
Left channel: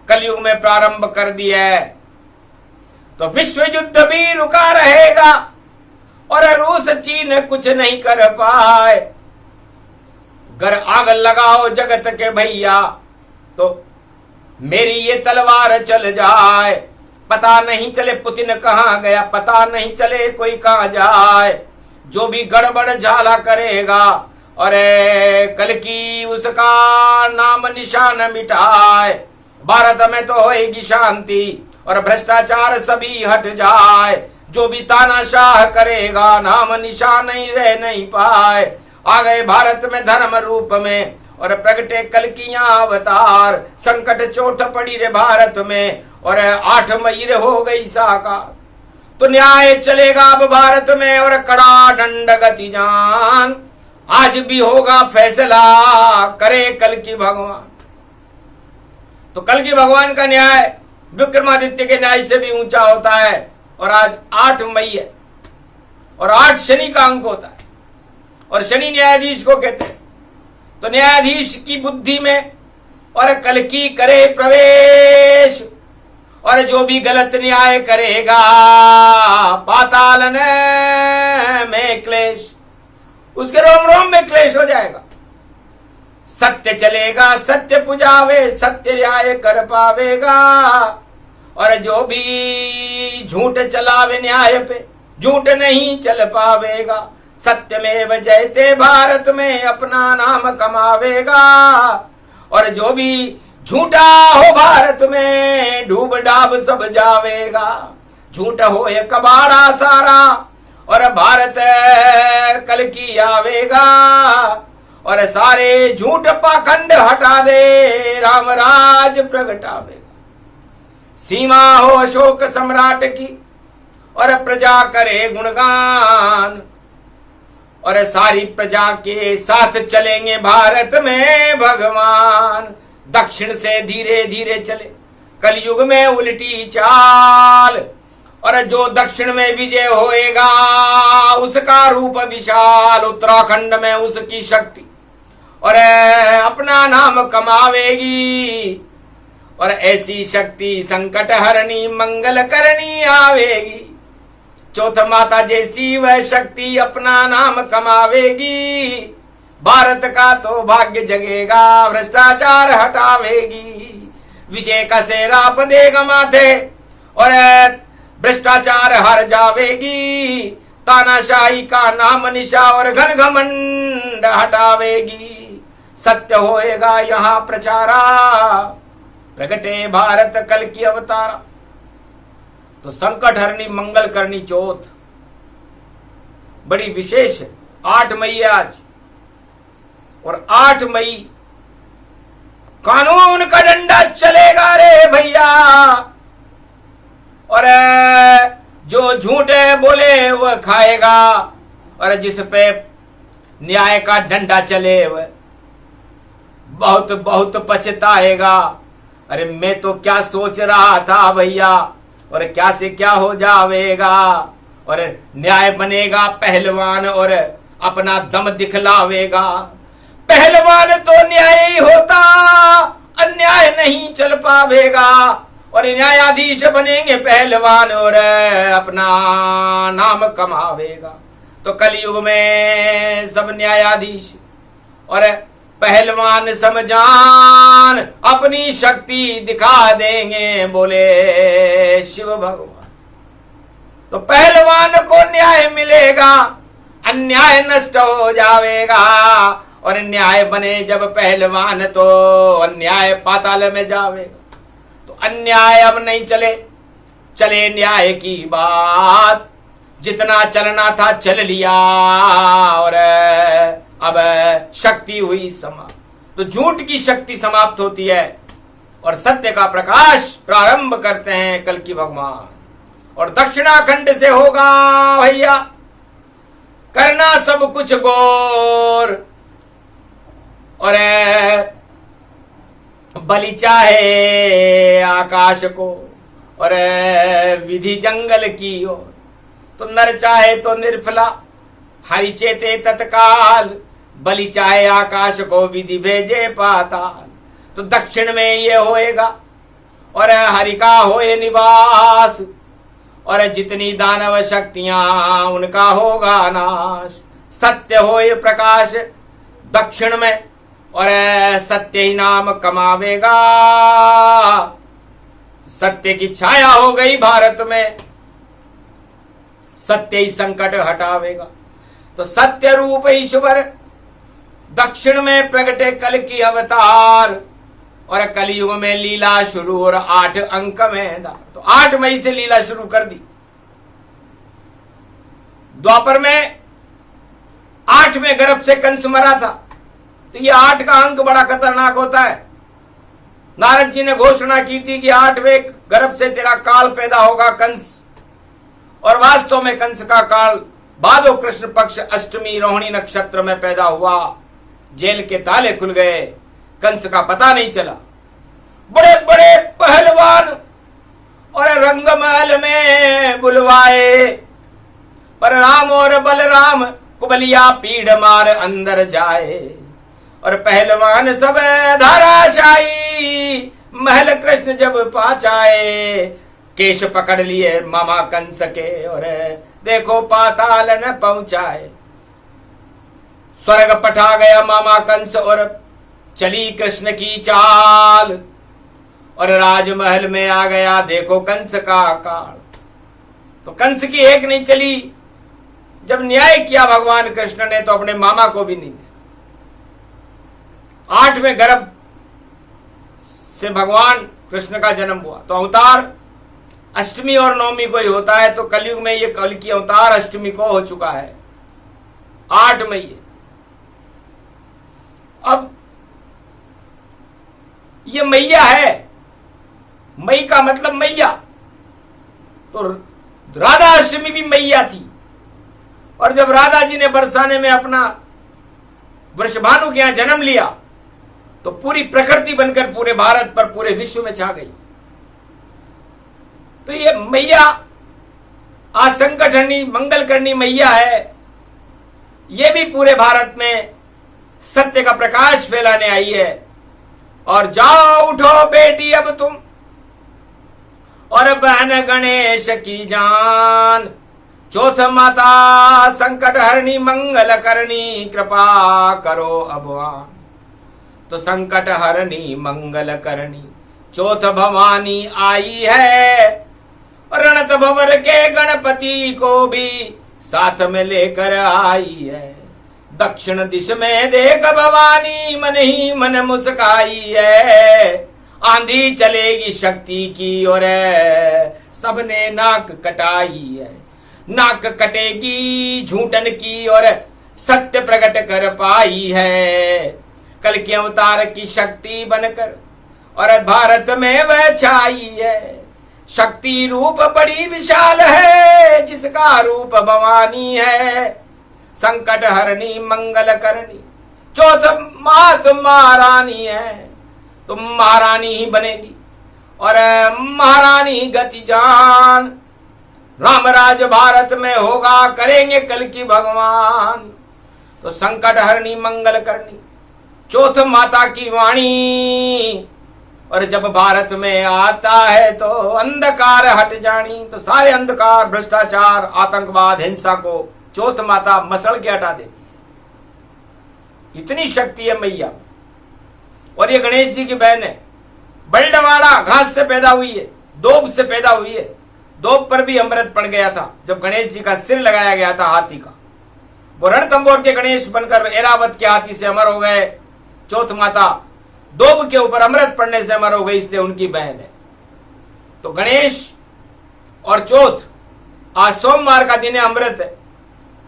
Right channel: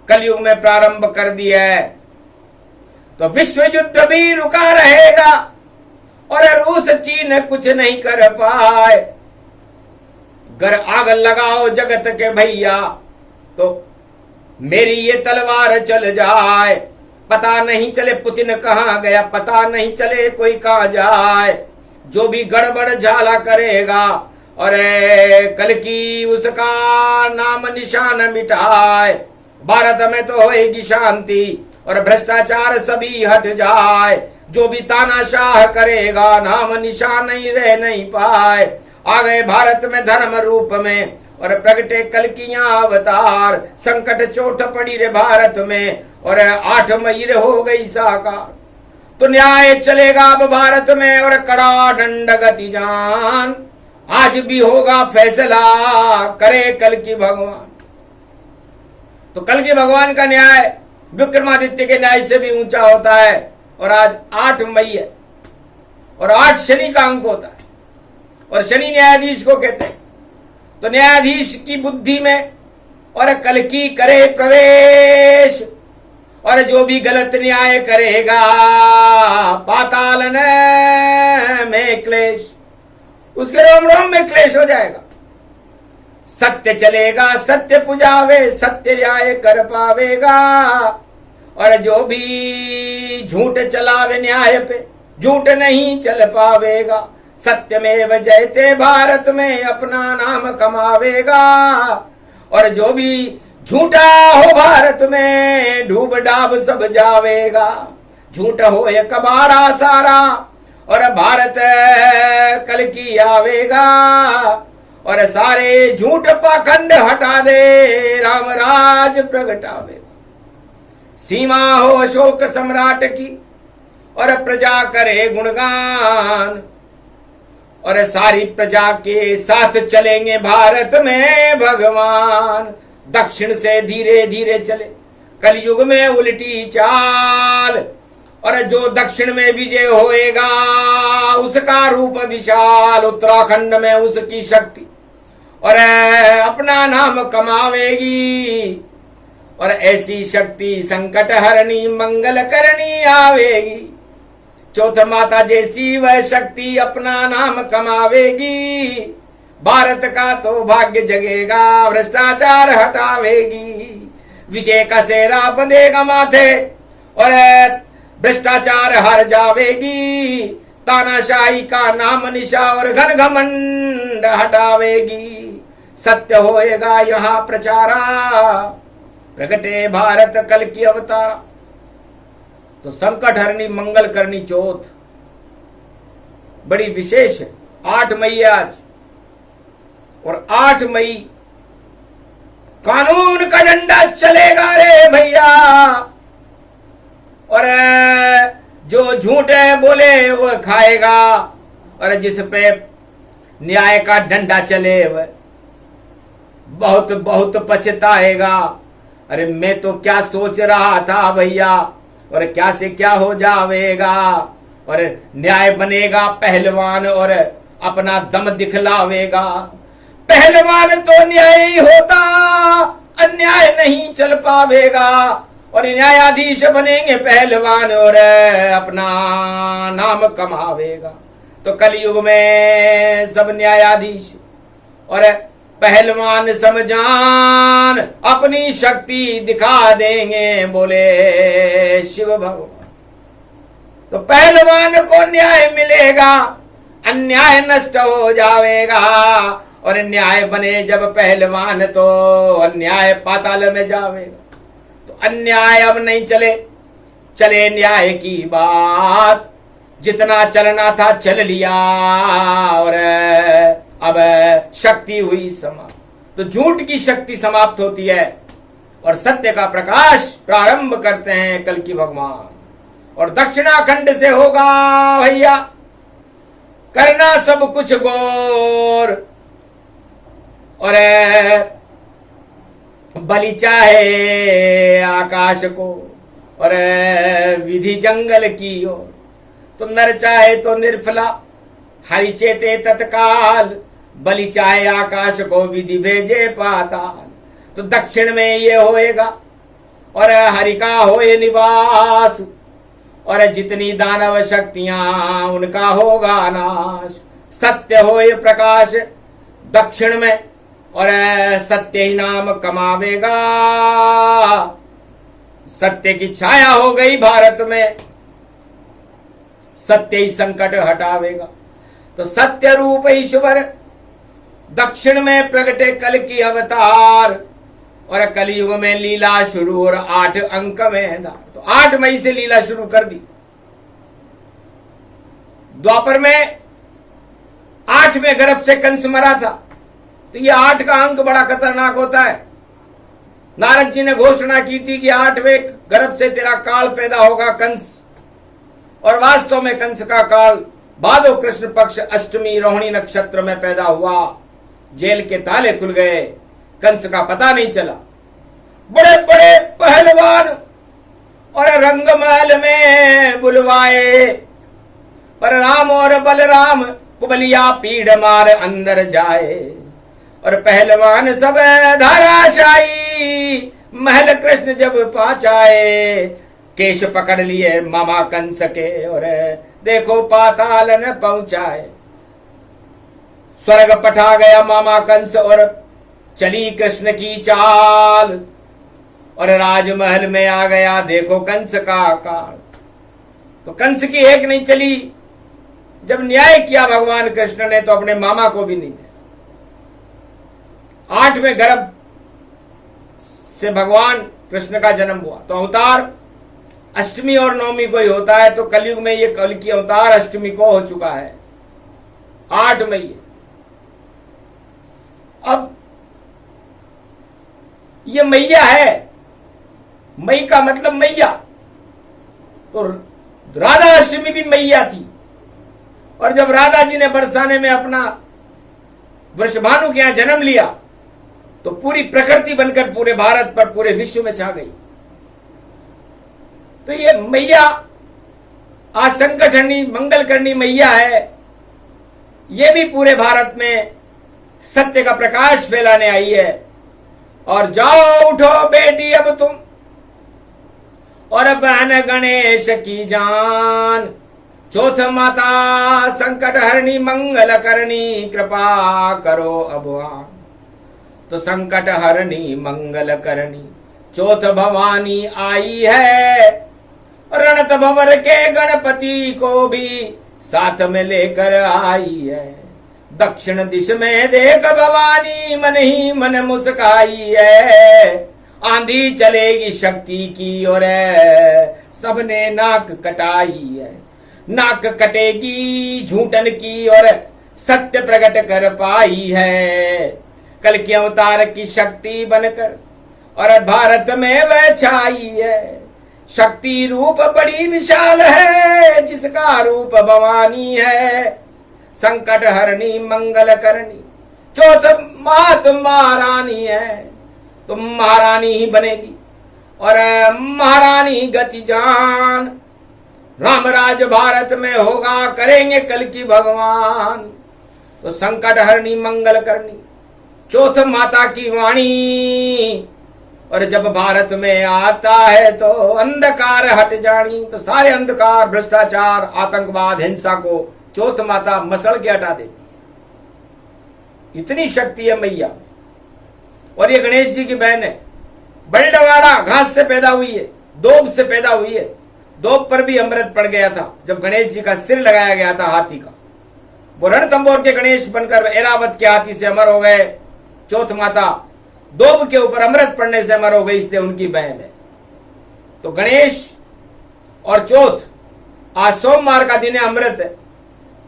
कलयुग में प्रारंभ कर दी है। तो विश्व युद्ध भी रुका रहेगा और रूस चीन कुछ नहीं कर पाए। अगर आग लगाओ जगत के भैया तो मेरी ये तलवार चल जाए। पता नहीं चले पुतिन कहां गया, पता नहीं चले कोई कहां जाए। जो भी गड़बड़ झाला करेगा और कल की उसका नाम निशान मिटाए। भारत में तो होएगी शांति और भ्रष्टाचार सभी हट जाए। जो भी तानाशाह करेगा नाम निशान नहीं रह नहीं पाए। आ गए भारत में धर्म रूप में और प्रगटे कल की अवतार। संकट चोट पड़ी रे भारत में और 8 मई रे हो गई साकार। तो न्याय चलेगा अब भारत में और कड़ा दंड गति जान। आज भी होगा फैसला करे कल की भगवान। तो कल की भगवान का न्याय विक्रमादित्य के न्याय से भी ऊंचा होता है। और आज 8 मई है और 8 शनि का अंक होता है और शनि न्यायाधीश को कहते हैं। तो न्यायाधीश की बुद्धि में और कल की करे प्रवेश। और जो भी गलत न्याय करेगा पाताल में क्लेश, उसके रोम रोम में क्लेश हो जाएगा। सत्य चलेगा सत्य पुजावे, सत्य न्याय कर पावेगा। और जो भी झूठ चलावे न्याय पे झूठ नहीं चल पावेगा। सत्यमेव जयते भारत में अपना नाम कमावेगा। और जो भी झूठा हो भारत में डूब डाब सब जावेगा। झूठ हो ये कबाड़ा सारा और भारत कल की आवेगा। और सारे झूठ पाखंड हटा दे राम राज प्रगटावेगा। सीमा हो अशोक सम्राट की और प्रजा करे गुणगान। और सारी प्रजा के साथ चलेंगे भारत में भगवान। दक्षिण से धीरे धीरे चले कलयुग में उल्टी चाल। और जो दक्षिण में विजय होएगा उसका रूप विशाल। उत्तराखंड में उसकी शक्ति और अपना नाम कमावेगी। और ऐसी शक्ति संकट हरनी मंगल करनी आवेगी। चौथ माता जैसी वह शक्ति अपना नाम कमावेगी। भारत का तो भाग्य जगेगा भ्रष्टाचार हटावेगी। विजय का सेहरा बंधेगा माथे और भ्रष्टाचार हर जावेगी। तानाशाही का नाम निशा और घन घमंड हटावेगी। सत्य होएगा यहाँ प्रचारा प्रगटे भारत कल की अवतारा। तो संकट हरनी मंगल करनी चौथ बड़ी विशेष है। 8 मई है आज और 8 मई कानून का डंडा चलेगा रे भैया। और जो झूठ बोले वह खाएगा और जिस पे न्याय का डंडा चले वह बहुत बहुत पछताएगा। अरे मैं तो क्या सोच रहा था भैया और क्या से क्या हो जावेगा। और न्याय बनेगा पहलवान और अपना दम दिखलावेगा। पहलवान तो न्याय ही होता अन्याय नहीं चल पावेगा। और न्यायाधीश बनेंगे पहलवान और अपना नाम कमावेगा। तो कलयुग में सब न्यायाधीश और पहलवान समझान अपनी शक्ति दिखा देंगे बोले शिव भगवान। तो पहलवान को न्याय मिलेगा अन्याय नष्ट हो जाएगा। और न्याय बने जब पहलवान तो अन्याय पाताल में जावेगा। तो अन्याय अब नहीं चले, चले न्याय की बात। जितना चलना था चल लिया और अब शक्ति हुई समाप्त। तो झूठ की शक्ति समाप्त होती है और सत्य का प्रकाश प्रारंभ करते हैं कल की भगवान। और दक्षिणाखंड से होगा भैया करना सब कुछ गौर। और बलि चाहे आकाश को और विधि जंगल की ओर, तो नर चाहे तो निर्फला हरि चेते तत्काल, बलि चाहे आकाश को विधि भेजे पाताल। तो दक्षिण में ये होएगा और हरि का होए निवास, और जितनी दानव शक्तियां उनका होगा नाश। सत्य होए प्रकाश दक्षिण में और सत्य ही नाम कमावेगा, सत्य की छाया हो गई भारत में, सत्य ही संकट हटावेगा। तो सत्य रूप ईश्वर दक्षिण में प्रगटे कल की अवतार, और कलयुग में लीला शुरू और 8 अंक में धार। तो 8 मई से लीला शुरू कर दी। द्वापर में 8वें गर्भ से कंस मरा था, तो ये 8 का अंक बड़ा खतरनाक होता है। नारद जी ने घोषणा की थी कि 8वें गर्भ से तेरा काल पैदा होगा कंस, और वास्तव में कंस का काल भादो कृष्ण पक्ष अष्टमी रोहिणी नक्षत्र में पैदा हुआ। जेल के ताले खुल गए, कंस का पता नहीं चला। बड़े बड़े पहलवान और रंगमहल में बुलवाए, पर राम और बलराम कुबलिया पीड़ मार अंदर जाए। और पहलवान सब धाराशाही महल कृष्ण जब पहुंचाए, केश पकड़ लिए मामा कंस के और देखो पाताल न पहुंचाए। स्वर्ग पठा गया मामा कंस और चली कृष्ण की चाल, और राजमहल में आ गया देखो कंस का काल। तो कंस की एक नहीं चली, जब न्याय किया भगवान कृष्ण ने तो अपने मामा को भी नहीं दिया। 8वें गर्भ से भगवान कृष्ण का जन्म हुआ। तो अवतार अष्टमी और नवमी को ही होता है, तो कलयुग में ये कल की अवतार अष्टमी को हो चुका है, 8 मई। अब ये मैया है, मई का मतलब मैया, तो राधा अष्टमी भी मैया थी। और जब राधा जी ने बरसाने में अपना वृषभानु के यहां जन्म लिया, तो पूरी प्रकृति बनकर पूरे भारत पर पूरे विश्व में छा गई। तो ये मैया आज संकट हरनी मंगल करनी मैया है, ये भी पूरे भारत में सत्य का प्रकाश फैलाने आई है। और जाओ उठो बेटी अब तुम और बहन गणेश की जान, चौथ माता संकट हरणी मंगल करनी, कृपा करो अबवान। तो संकट हरणी मंगल करनी चौथ भवानी आई है, रणत भवर के गणपति को भी साथ में लेकर आई है। दक्षिण दिश में देख भवानी मन ही मन मुस्काई है, आंधी चलेगी शक्ति की और सबने नाक कटाई है। नाक कटेगी झूठन की और सत्य प्रकट कर पाई है, कल के अवतार की शक्ति बनकर और भारत में वह छाई है। शक्ति रूप बड़ी विशाल है, जिसका रूप भवानी है। संकट हरणी मंगल करनी चौथ मात महारानी है, तुम महारानी ही बनेगी और महारानी गति जान। रामराज भारत में होगा, करेंगे कल की भगवान। तो संकट हरणी मंगल करनी चौथ माता की वाणी, और जब भारत में आता है तो अंधकार हट जानी। तो सारे अंधकार, भ्रष्टाचार, आतंकवाद, हिंसा को चौथ माता मसल के हटा देती है। इतनी शक्ति है मैया। और ये गणेश जी की बहन है, बलडवाड़ा घास से पैदा हुई है, दोब से पैदा हुई है। दोब पर भी अमृत पड़ गया था जब गणेश जी का सिर लगाया गया था हाथी का। वो रणथंबोर के गणेश बनकर ऐरावत के हाथी से अमर हो गए। चौथ माता दोब के ऊपर अमृत पड़ने से अमर हो गई, इसलिए उनकी बहन है। तो गणेश और चौथ आज सोमवार का दिन है, अमृत है।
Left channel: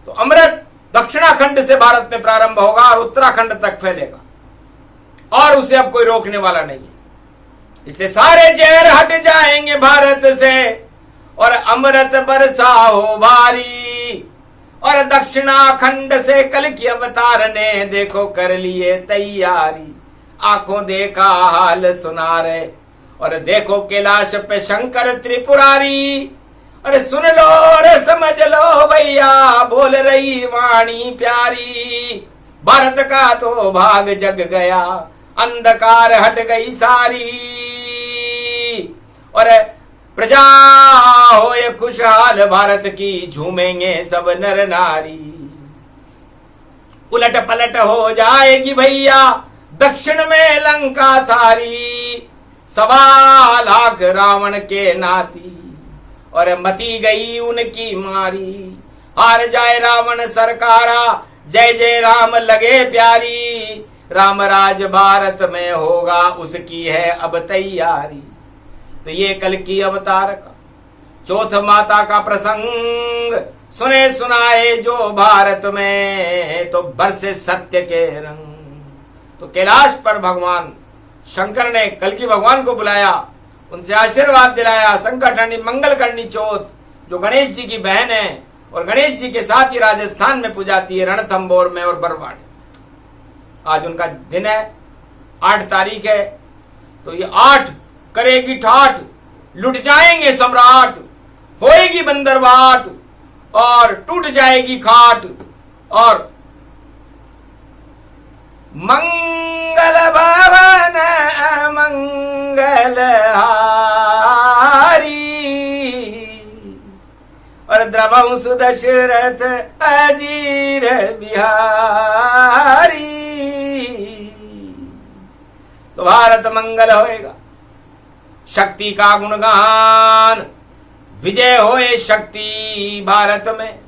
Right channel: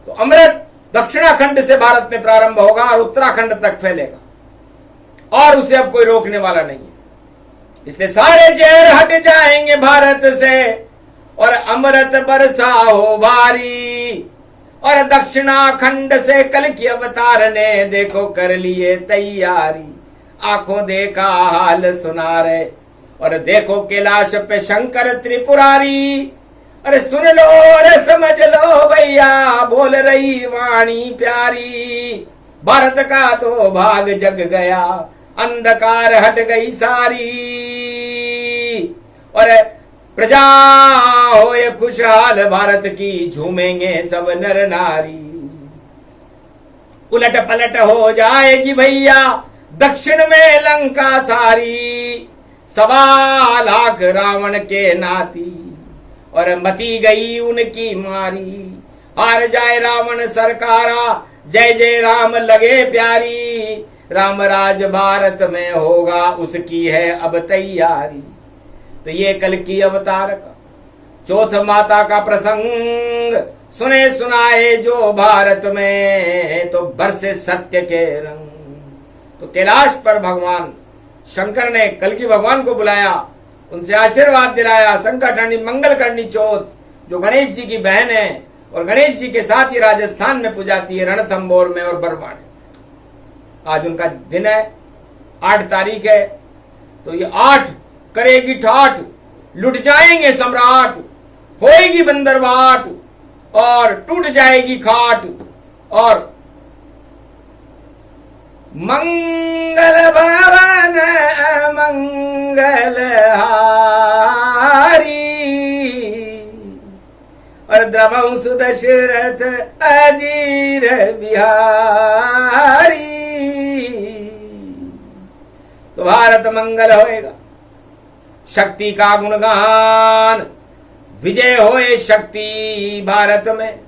तो अमृत दक्षिणाखंड से भारत में प्रारंभ होगा और उत्तराखंड तक फैलेगा, और उसे अब कोई रोकने वाला नहीं है। इसलिए सारे जहर हट जाएंगे भारत से, और अमृत बरसा हो भारी। और दक्षिणाखंड से कल की अवतार ने देखो कर लिए तैयारी। आंखों देखा हाल सुना रहे, और देखो कैलाश पे शंकर त्रिपुरारी। अरे सुन लो, अरे समझ लो भैया, बोल रही वाणी प्यारी। भारत का तो भाग जग गया, अंधकार हट गई सारी। और प्रजा हो ये खुशहाल भारत की, झूमेंगे सब नर नारी। उलट पलट हो जाएगी भैया, दक्षिण में लंका सारी। 1.25 लाख रावण के नाती, और मती गई उनकी मारी। हार जाए रावण सरकारा, जय जय राम लगे प्यारी। राम राज भारत में होगा, उसकी है अब तैयारी। तो ये कल की अवतार का चौथ माता का प्रसंग सुने सुनाए जो भारत में, तो बरसे सत्य के रंग। तो कैलाश पर भगवान शंकर ने कल की भगवान को बुलाया, उनसे आशीर्वाद दिलाया। संकटहरणी मंगल करनी चौथ, जो गणेश जी की बहन है और गणेश जी के साथ ही राजस्थान में पूजाती है, रणथंभौर में और बरवाड़े। आज उनका दिन है, 8 तारीख है। तो ये 8 करेगी ठाठ, लुट जाएंगे सम्राट। होएगी बंदरबाट, और टूट जाएगी खाट। और मंगल भवन मंगल हारी, और द्रवहु सुदशरथ अजीर बिहारी। तो भारत मंगल होएगा, शक्ति का गुणगान, विजय होए शक्ति भारत में,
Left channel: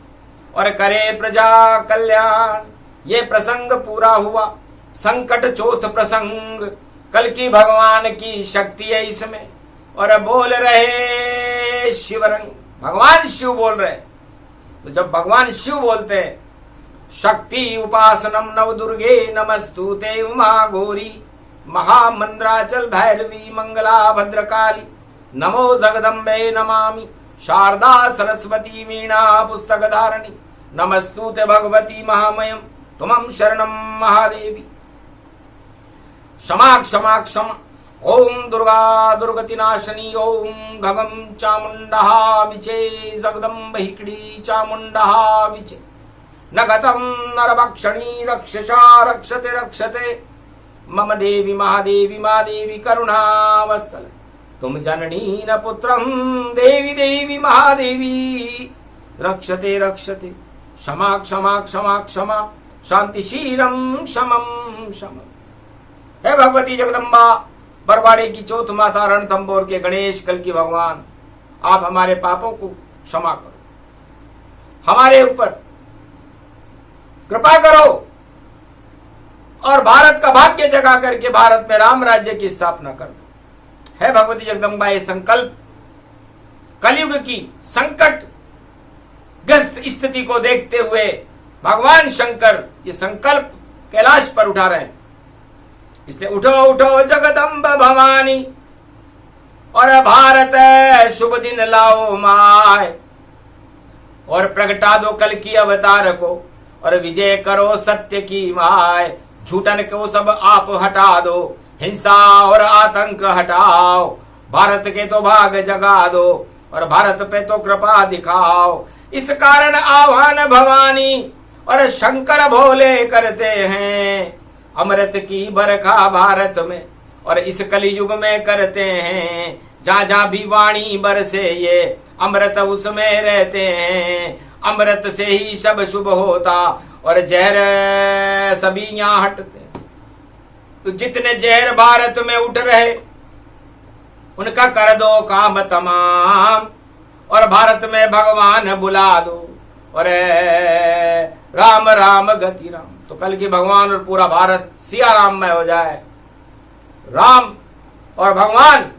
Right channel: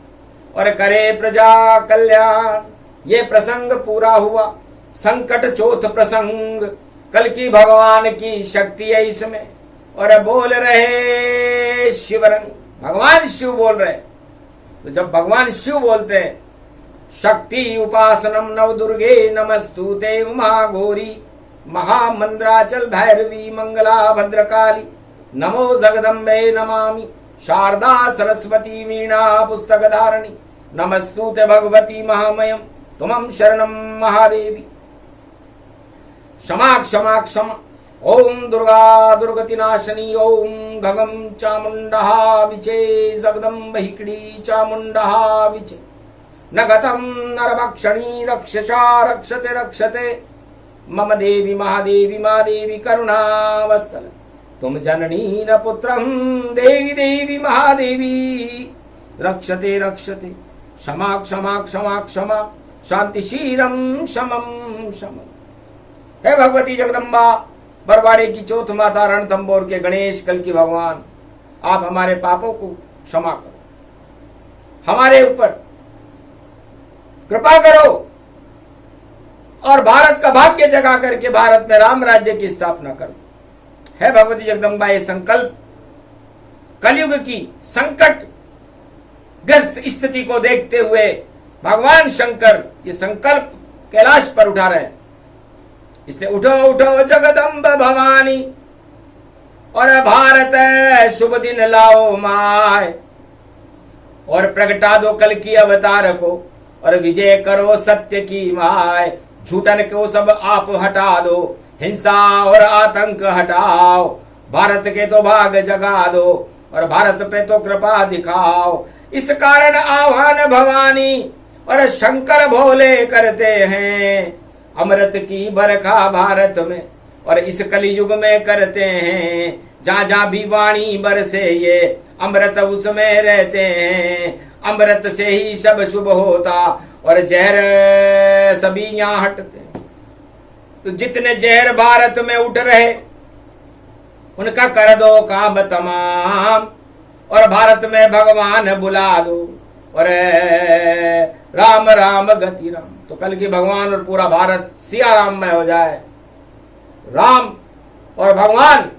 और करे प्रजा कल्याण। ये प्रसंग पूरा हुआ, संकट चौथ प्रसंग। कल की भगवान की शक्ति है इसमें, और बोल रहे शिवरंग, भगवान शिव बोल रहे। तो जब भगवान शिव बोलते हैं, शक्ति उपासनम नव दुर्गे नमस्तुते उमा गौरी महामंद्राचल भैरवी मंगला भद्रकाली। नमो जगदम्बे नमामि शारदा सरस्वती वीणा पुस्तक धारणी। नमस्तुते भगवती महामयम तुमं शरणम महादेवी। क्षमा क्षमा क्षमा। ओम दुर्गा दुर्गति नाशनी। ओम घगम चामुंडा विचे जगदम्ब हिकड़ी चामुंडा विचे। न गतम नरभक्षणी रक्षसा रक्षते रक्षते। मम देवी महादेवी महादेवी करुणावत्सल। तुम जननी न पुत्रम देवी देवी महादेवी रक्षते रक्षते। क्षमा क्षमा क्षमा क्षमा शांतिशीलम शमम शमम। हे भगवती जगदम्बा, बरवाड़े की चौथ माता, रणथंभौर के गणेश, कल की भगवान, आप हमारे पापों को क्षमा करो, हमारे ऊपर कृपा करो, और भारत का भाग्य जगा करके भारत में राम राज्य की स्थापना कर दो। है भगवती जगदम्बा, ये संकल्प कलयुग की संकट ग्रस्त स्थिति को देखते हुए भगवान शंकर ये संकल्प कैलाश पर उठा रहे हैं। इसलिए उठो उठो जगदम्ब भवानी, और भारत शुभ दिन लाओ माय, और प्रगटा दो कल की अवतार को, और विजय करो सत्य की माय। झूठन को सब आप हटा दो, हिंसा और आतंक हटाओ। भारत के तो भाग जगा दो, और भारत पे तो कृपा दिखाओ। इस कारण आह्वान भवानी और शंकर भोले करते हैं। अमृत की बरखा भारत में, और इस कलयुग में करते हैं। जहां जहां भी वाणी बरसे ये अमृत उसमें रहते हैं। अमृत से ही सब शुभ होता, और जहर सभी यहाँ हटते। तो जितने जहर भारत में उठ रहे उनका कर दो काम तमाम, और भारत में भगवान बुला दो, और राम राम गति राम। तो कल की भगवान और पूरा भारत सिया राम में हो जाए। राम और भगवान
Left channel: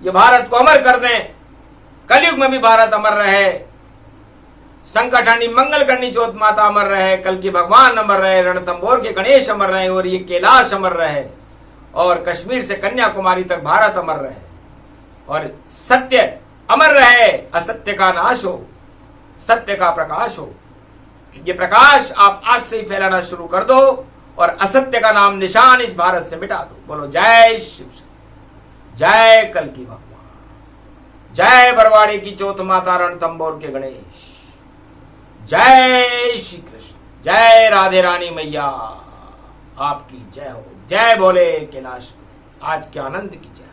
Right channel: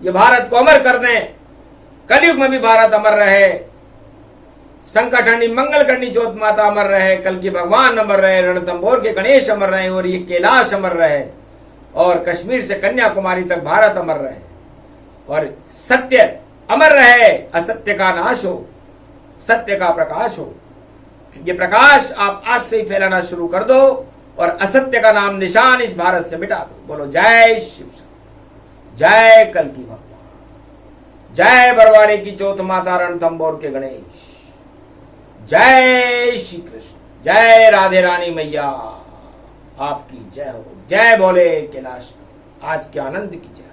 ये भारत को अमर कर दें, कलयुग में भी भारत अमर रहे। संकटहरणी मंगल करनी चौथ माता अमर रहे, कल की भगवान अमर रहे, रणथंभौर के गणेश अमर रहे, और ये कैलाश अमर रहे, और कश्मीर से कन्याकुमारी तक भारत अमर रहे। और सत्य अमर रहे, असत्य का नाश हो, सत्य का प्रकाश हो। ये प्रकाश आप आज से ही फैलाना शुरू कर दो और असत्य का नाम निशान इस भारत से मिटा दो। बोलो जय शिव, जय कल्कि भगवान, जय बरवाड़े की चौथ माता रणथंबोर के गणेश, जय श्री कृष्ण, जय राधे रानी मैया आपकी जय हो, जय बोले कैलाशपति। आज के आनंद की जय।